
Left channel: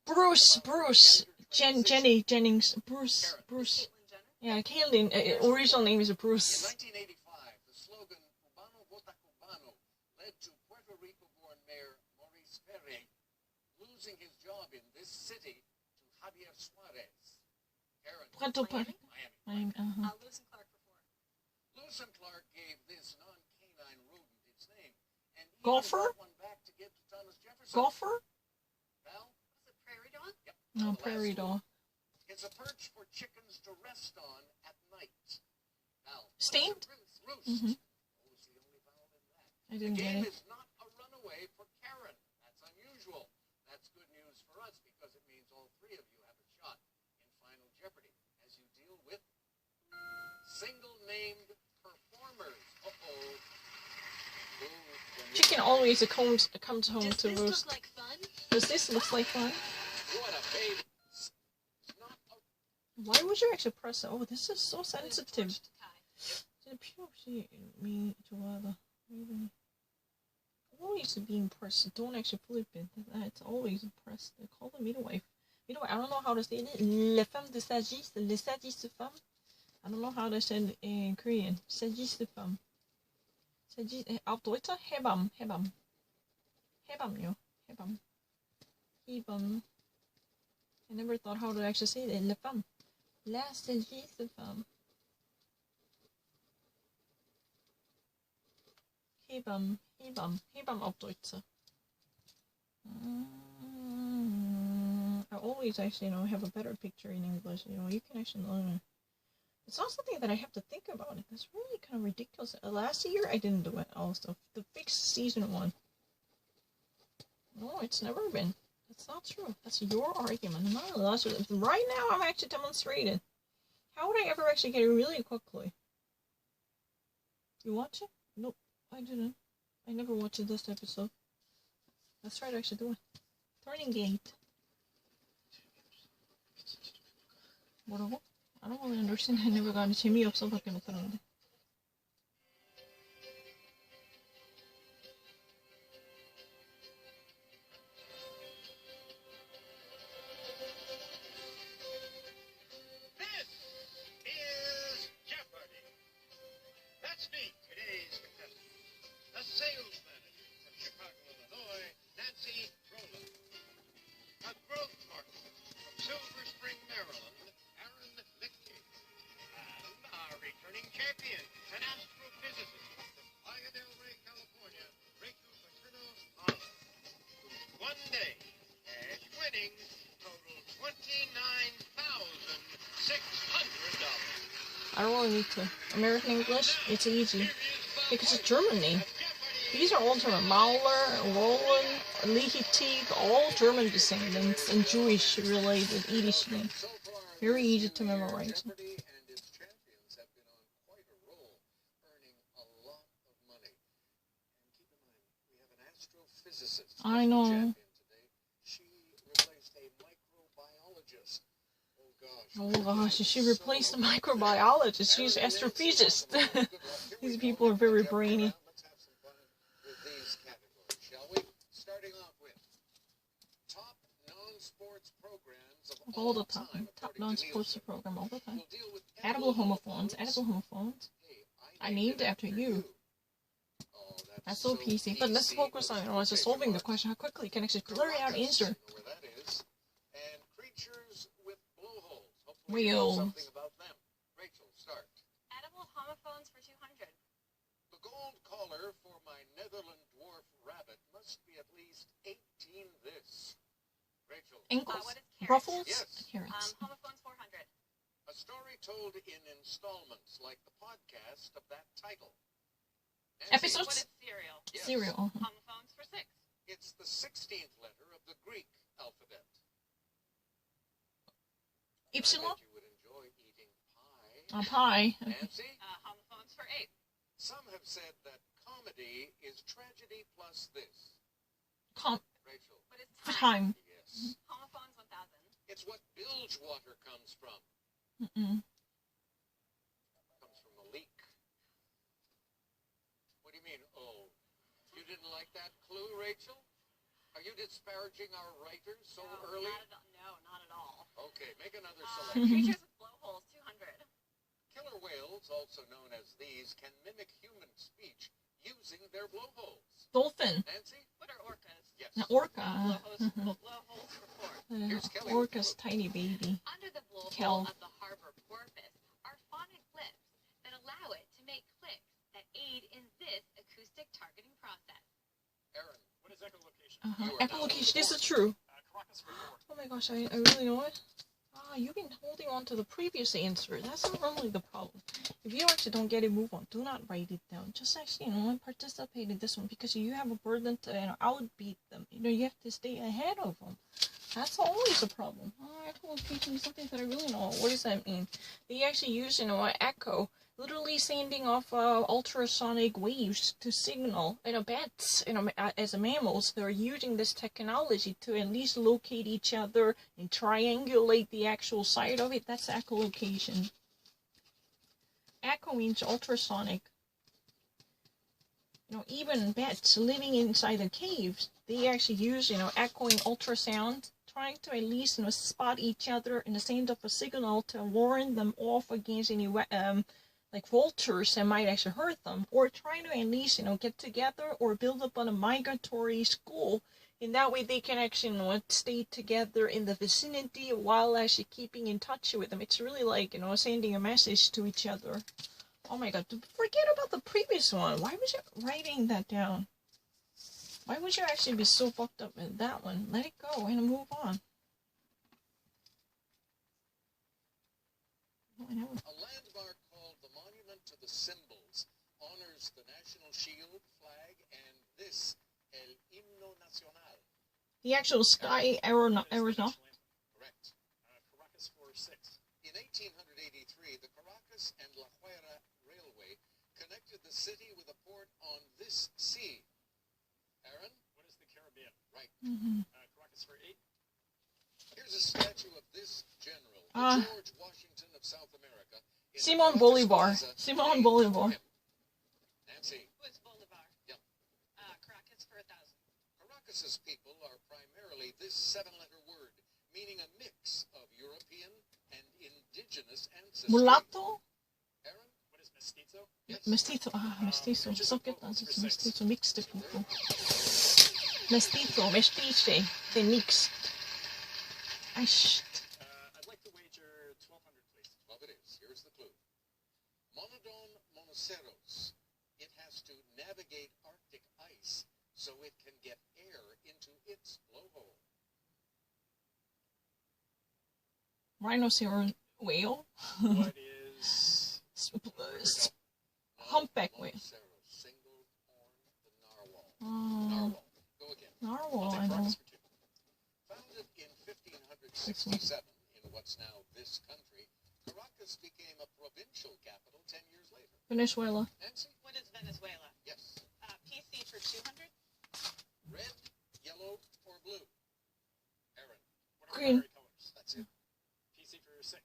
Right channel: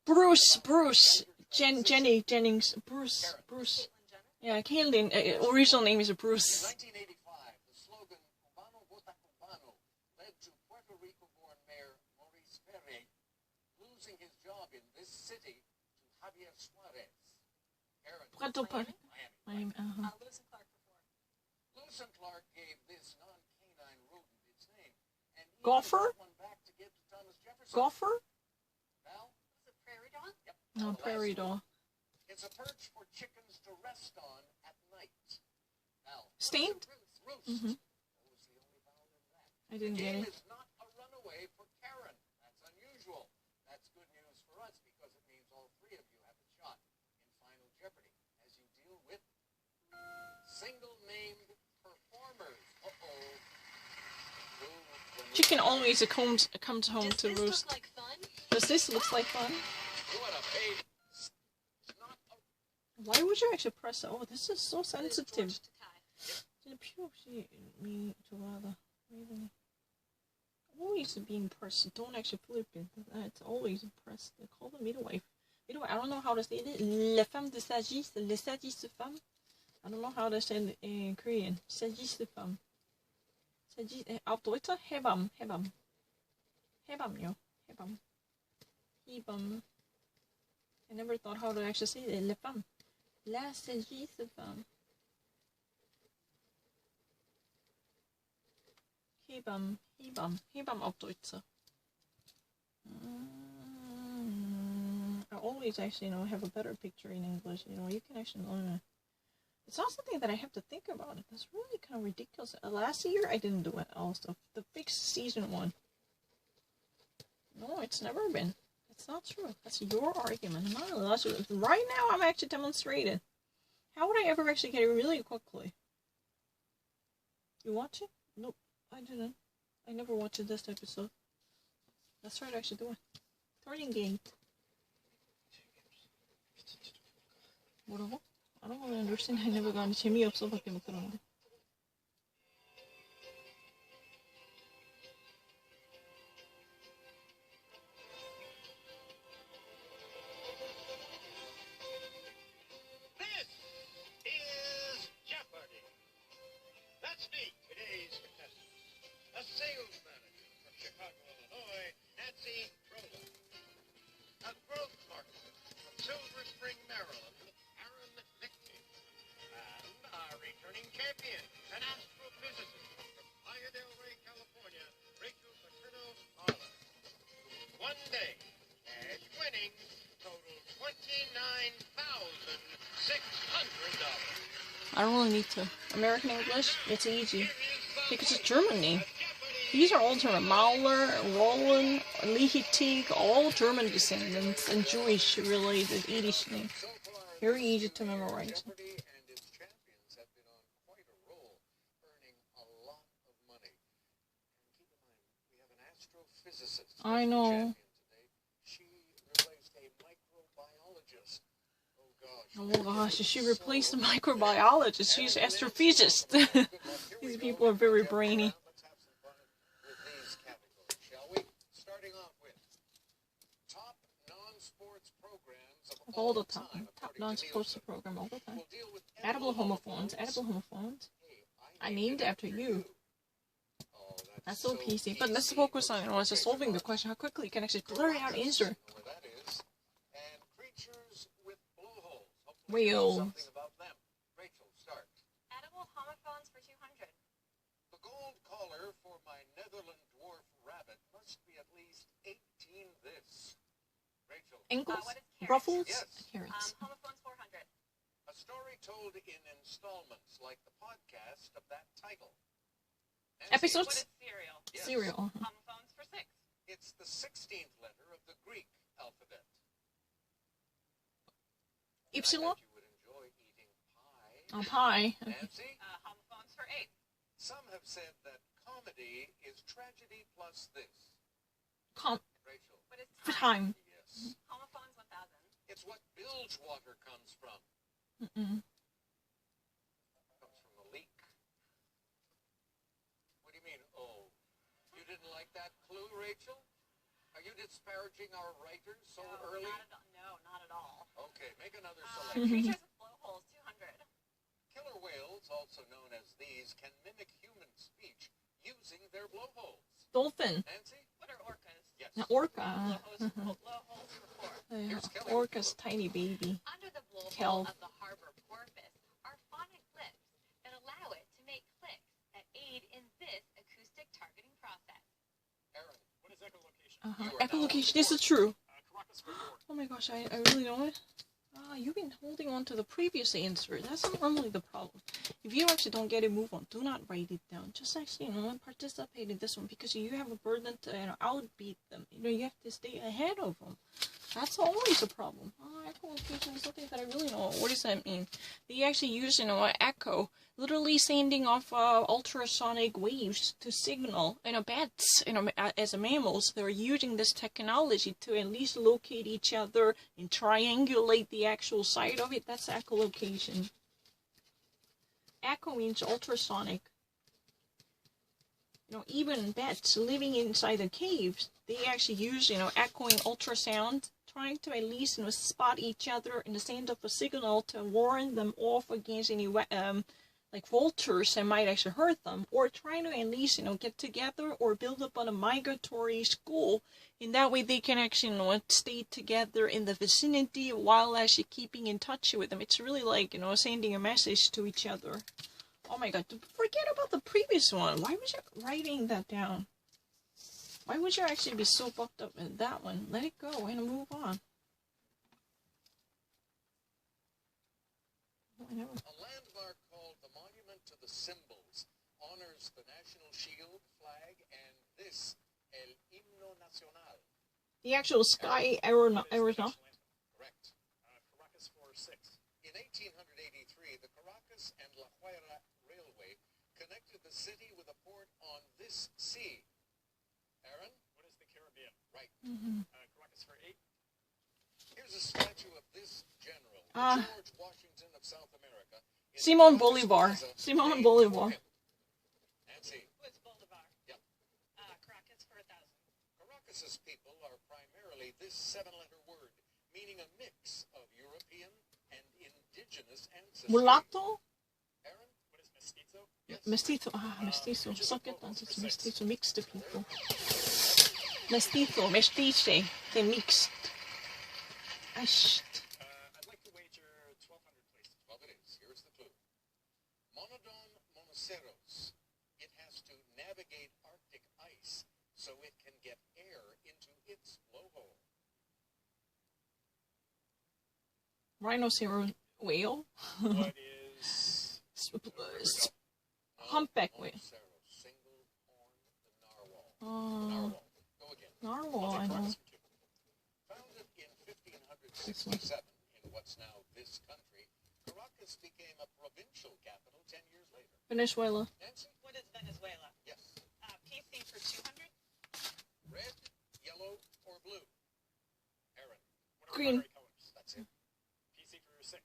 and Bruce. talked about her gender transition. Jenny Jennings. Bruce. Caitlyn Jenner? Yeah, Caitlyn. Original name is In Bruce. 1985, the slogan Cubano Vota Cubano led to Puerto Rico-born Mayor Maurice Ferre losing his job in this city to Javier Suarez. Karen, Puerto Miami? Miami. Lewis and Clark for 4. Lewis and Clark gave this non-canine rodent its name, and even Golfer? brought one back to give to Thomas Jefferson. Golfer? Val? What is it, Prairie Dog? Yep. No, the last Prairie one. Dog. It's a perch for chickens to rest on at night. Val? Stained? Roost. Mhm. Those I didn't The get game it. is not a runaway for Karen. That's unusual. That's good news for us because it means all three of you have a shot in Final Jeopardy as you deal with single-named performers. Uh-oh. Chicken always comes home Does to this roost. look like fun? Does this look like fun? What a baby. It's not a Why would you actually press it? Oh, this is so It is sensitive. torch to tie. 진짜 필요 없이 me 좋아하다. Really. Always being pressed. Don't actually flip it. It's always pressed. They call the midwife. Midwife. I don't know how to say it. Les femmes de sagesse. Les sagesse femmes. I don't know how to say it in Korean. Sagesse femme. Sagesse. Auf Deutsch. Hebam. Hebam. Hebam요. Hebam. Hebam. I never thought how to actually say it. Les femmes. La sagesse femme. Hebam auf Deutsch. I always actually, have a better picture in English. You can actually learn it. It's not something that I have to think about. That's really kind of ridiculous. Last year, I didn't do it also. The fixed season one. No, it's never been. That's not true. That's your argument. Right now, I'm actually demonstrating. How would I ever actually get it really quickly? You watch it? Nope. I didn't. I never watched this episode. Let's try to actually do it. Turning gate. 뭐라고? I don't really understand. I never got it. 재미없어 밖에 못 들었는데. This is Jeopardy! Let's meet today's contestants. A sales manager from Chicago, Illinois, Nancy Roloff. A growth marketer from Silver Spring, Maryland, Aaron Lichtke. And our returning champion, an astrophysicist from Playa del Rey, California, Rachel Paterno-Mahler. One day, cash winnings total $29,600. I don't really need to. American English? It's easy. Because it's Germany. These are all German. Mahler, Roland, Rhehe, all German descendants and Jewish-related Yiddish names. So far, Very this easy to year, memorize. Jeopardy and its champions have been on quite a roll, earning a lot of money. And keep in mind, we have an astrophysicist as I the know. champion today. She replaced a microbiologist. Oh gosh, she replaced the microbiologist. She's astrophysicist. These people are very brainy. Let's have some fun with these categories, shall we? Starting off with top non-sports programs of All the time. time. Top according to non-sports Nielsen. program all the time. We'll deal with Edible homophones. Edible homophones. Hey, I named it after you. Oh, That's so PC. But let's focus on just solving the question. How quickly you can actually blur out answer. Know where that is. And creatures with blowholes. Hopefully you know Whales. something about them. Rachel, start. Edible homophones for 200. The gold collar for my Netherland dwarf rabbit must be at least 18 this. Rachel. Ankles. What is carrots? Ruffles. Yes. Carrots. Homophones 400. A story told in installments like the podcast of that title. Nancy, Episodes? What is cereal? Yes. Cereal. Homophones for 6. It's the 16th letter of the Greek alphabet. I Ypsilon. bet you would enjoy eating pie. Pie. Nancy? Homophones for 8. Some have said that comedy is tragedy plus this. Rachel. What is Time. Yes. Homophones 1000. It's what bilge water comes from. Mm-mm. Comes from a leak. What do you mean, oh? You didn't like that clue, Rachel? Are you disparaging our writers so early? Not at all. Okay, make another selection. Creatures with blowholes 200. Killer whales, also known as these, can mimic human speech using their blowholes. Dolphin. Nancy? What are orcas? Yes. Orca. Blowholes for 4. Here's Kelly. Orca's tiny baby. Under the blowhole Kelp. of the harbor porpoise are phonic lips that allow it to make clicks that aid in this acoustic targeting process. Aaron. What is echolocation? You are now Echolocation. on This the is true. Caracas for 4. Oh my gosh, I really know it. You've been holding on to the previous answer. That's not normally the problem. if you actually don't get it, move on. Do not write it down. Just actually, participate in this one because you have a burden to outbeat them. You have to stay ahead of them. That's always a problem. Echolocation is something that I really know. What does that mean? They actually use, echo, literally sending off ultrasonic waves to signal. Bats, as mammals, they're using this technology to at least locate each other and triangulate the actual site of it. That's echolocation. Echo means ultrasonic. Even bats living inside the caves, they actually use, echoing ultrasound, trying to at least, spot each other and send up a signal to warn them off against any, like vultures that might actually hurt them, or trying to at least, get together or build up on a migratory school. And that way they can actually, stay together in the vicinity while actually keeping in touch with them. It's really like, sending a message to each other. Oh my god, forget about the previous one. Why was you writing that down? Why would you actually be so fucked up with that one? Let it go and move on. Whatever. A landmark called the Monument to the Symbols honors the national shield, flag, and this, el himno nacional. The actual sky Arizona. Correct. Caracas 4-6. In 1883, the Caracas and La Guaira Railway connected the city with a port on this sea. Aaron? What is the Caribbean? Right. Caracas for 8. Here's a statue of this general, George Washington of South America. Simon Bolivar. Simon Bolivar. Nancy? What's Bolivar? Yep. Caracas for 1,000. Caracas's people are primarily this 7-letter word, meaning a mix of European and indigenous ancestry. Mulatto? Aaron? What is mestizo? Yes. Mestizo. Mestizo. Suck it down. It's mestizo. Mixed people. Mestizo. Mestiche. They mixed. I'd like to wager 1,200, please. 12 it is. Here's the clue. Monodon monoceros. It has to navigate Arctic ice so it can get air into its blowhole. Rhinoceros whale. What is... Humpback whale. Monoceros, single horn, the narwhal. Narwhal. Go again. Narwhal, I know. Founded in 1567 in what's now this country, Caracas became a provincial capital 10 years later. Venezuela. Nancy? What is Venezuela? Yes. PC for 200. Red, yellow, or blue? Aaron? What are Green. primary colors? That's it. PC for 6.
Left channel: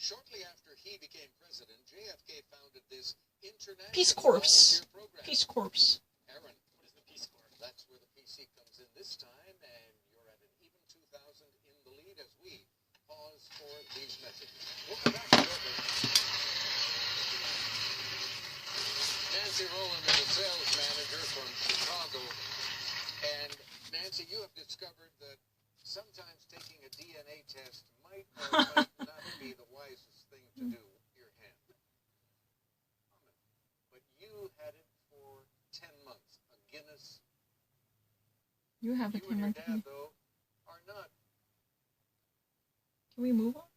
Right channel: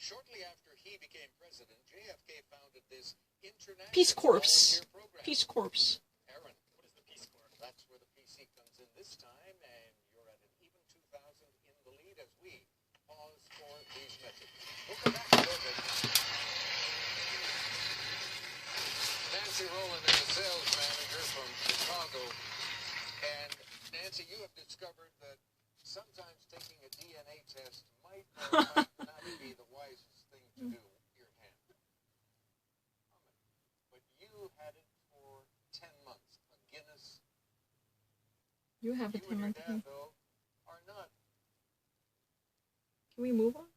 Shortly after he became president, JFK founded this international Peace Corps. volunteer program. Peace Corps. Aaron? What is the Peace Corps? That's where the PC comes in this time, and you're at an even 2,000 in the lead as we pause for these messages. We'll come back shortly. Nancy Rowland is a sales manager from Chicago. And Nancy, you have discovered that sometimes taking a DNA test might or might not be the wisest thing to do with your hand. But you had it for 10 months. A Guinness. You have a You and your camera. dad, though, are not. Can we move on?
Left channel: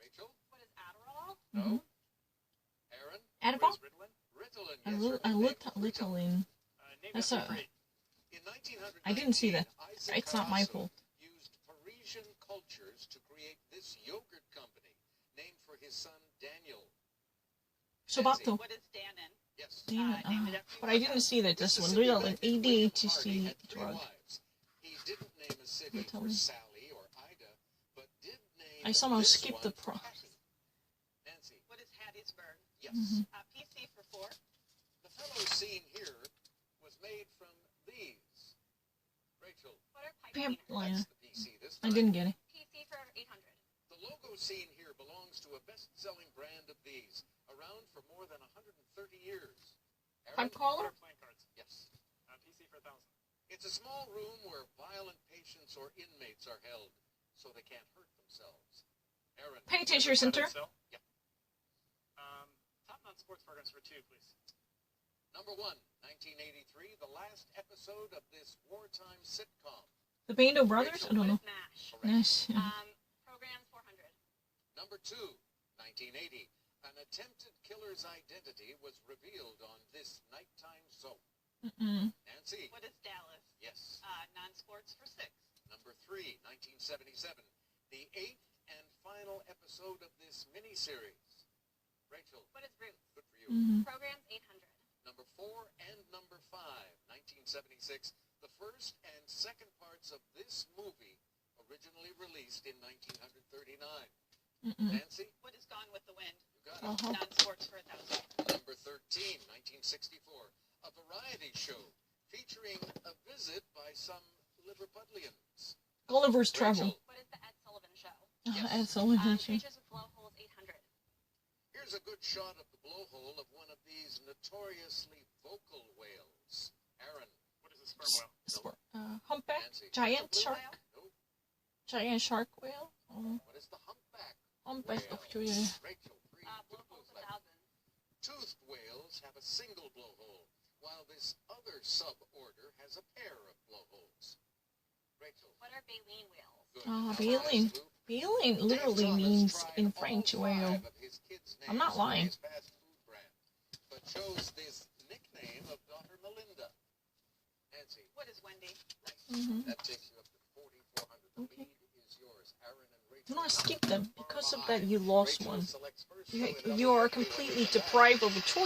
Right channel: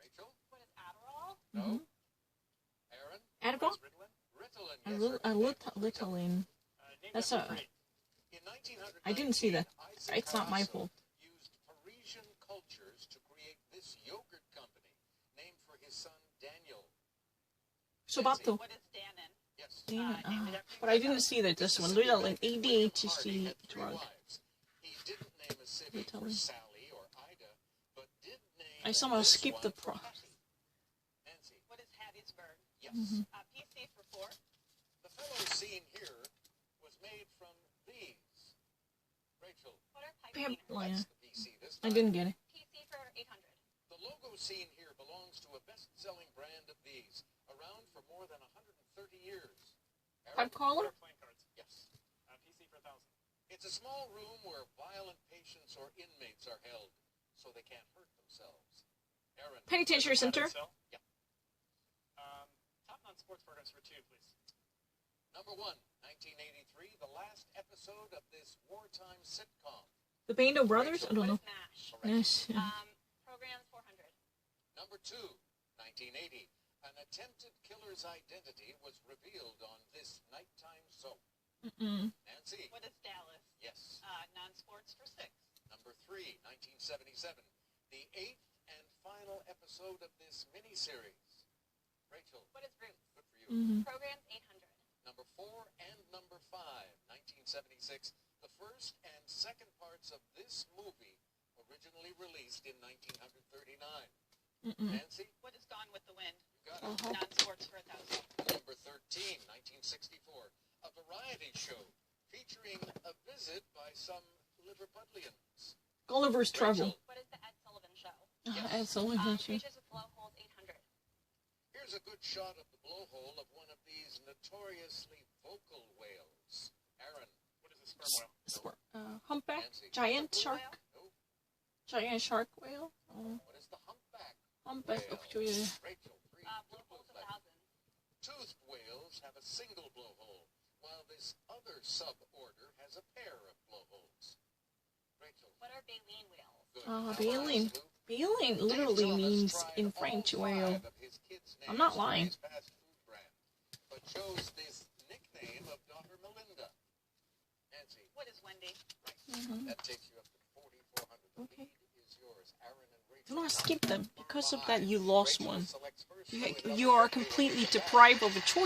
Rachel? What is Adderall? No. Aaron? Adderall? What is Ritalin? Ritalin. A Yes, little, sir. Ritalin. Name That's that a- for 8. In 1919, I didn't see that. Isaac It's not my Carasso fault. used Parisian cultures to create this yogurt company named for his son Daniel. Sobato. What is Dannon? Yes. Damn it. named it after But I didn't see that this one. Mississippi Ritalin, bandit William Hardy ADHD had 3 drug. wives. He didn't name a city for Ritalin. Sally or Ida, but did name I somehow this skipped one the for pro. Hattie. Nancy. What is Hattiesburg? Yes. PC for 4. The fellow seen here was made from these. Rachel. What are pipe Pimp cleaners? liner. That's the PC this I time. didn't get it. PC for 800. The logo seen here belongs to a best-selling brand of these, around for more than 130 years. Aaron? Pipe collar? What are playing cards? Yes. PC for 1,000. It's a small room where violent patients or inmates are held, so they can't hurt themselves. Aaron? Penitentiary Center. Cell? Yeah. Top non-sports programs for 2, please. Number 1, 1983, the last episode of this wartime sitcom. The Bando Brothers? I don't What know. is MASH? Correct. Yes. Programs 400. Number 2, 1980, an attempted killer's identity was revealed on this nighttime soap. Nancy. What is Dallas? Yes. Non-sports for 6. Number 3, 1977, the 8th and final episode of this miniseries. Rachel. What is Roots? Good for you. Programs 800. Number 4 and number 5, 1976, the first and second parts of this movie, originally released in 1939. Nancy? What is Gone with the Wind? You got it. Non-sports for 1,000. Number 13, 1964, a variety show featuring a visit by some Liverpudlians. Gulliver's Travel. Rachel. What is the Ed Sullivan Show? Yes. Ed Sullivan Show. Creatures with blowholes 800. Here's a good shot of the blowhole of one of these notoriously vocal whales. Aaron. What is a sperm whale? Humpback? Nancy. Giant Blue shark? whale? No. Giant shark whale? What is the humpback? Humpback. Whale. Oh, yeah. Rachel. 3. Blowholes Two 1,000. Toothed whales have a single blowhole, while this other suborder has a pair of blowholes. Rachel. What are baleen whales? Good. Oh, Now, baleen. Lou. Baleen Dave literally Thomas means tried in all French 5 whale. of his kids' I'm not names for lying. his fast food brand, but chose this nickname of daughter Melinda. Nancy. What is Wendy? That takes you up to 4,400. The Okay. lead is yours. Aaron and Rachel. Do not now skip them. far Because of behind. that, you lost Rachel one. selects first, You so it are doesn't take away completely from that. deprived of a choice.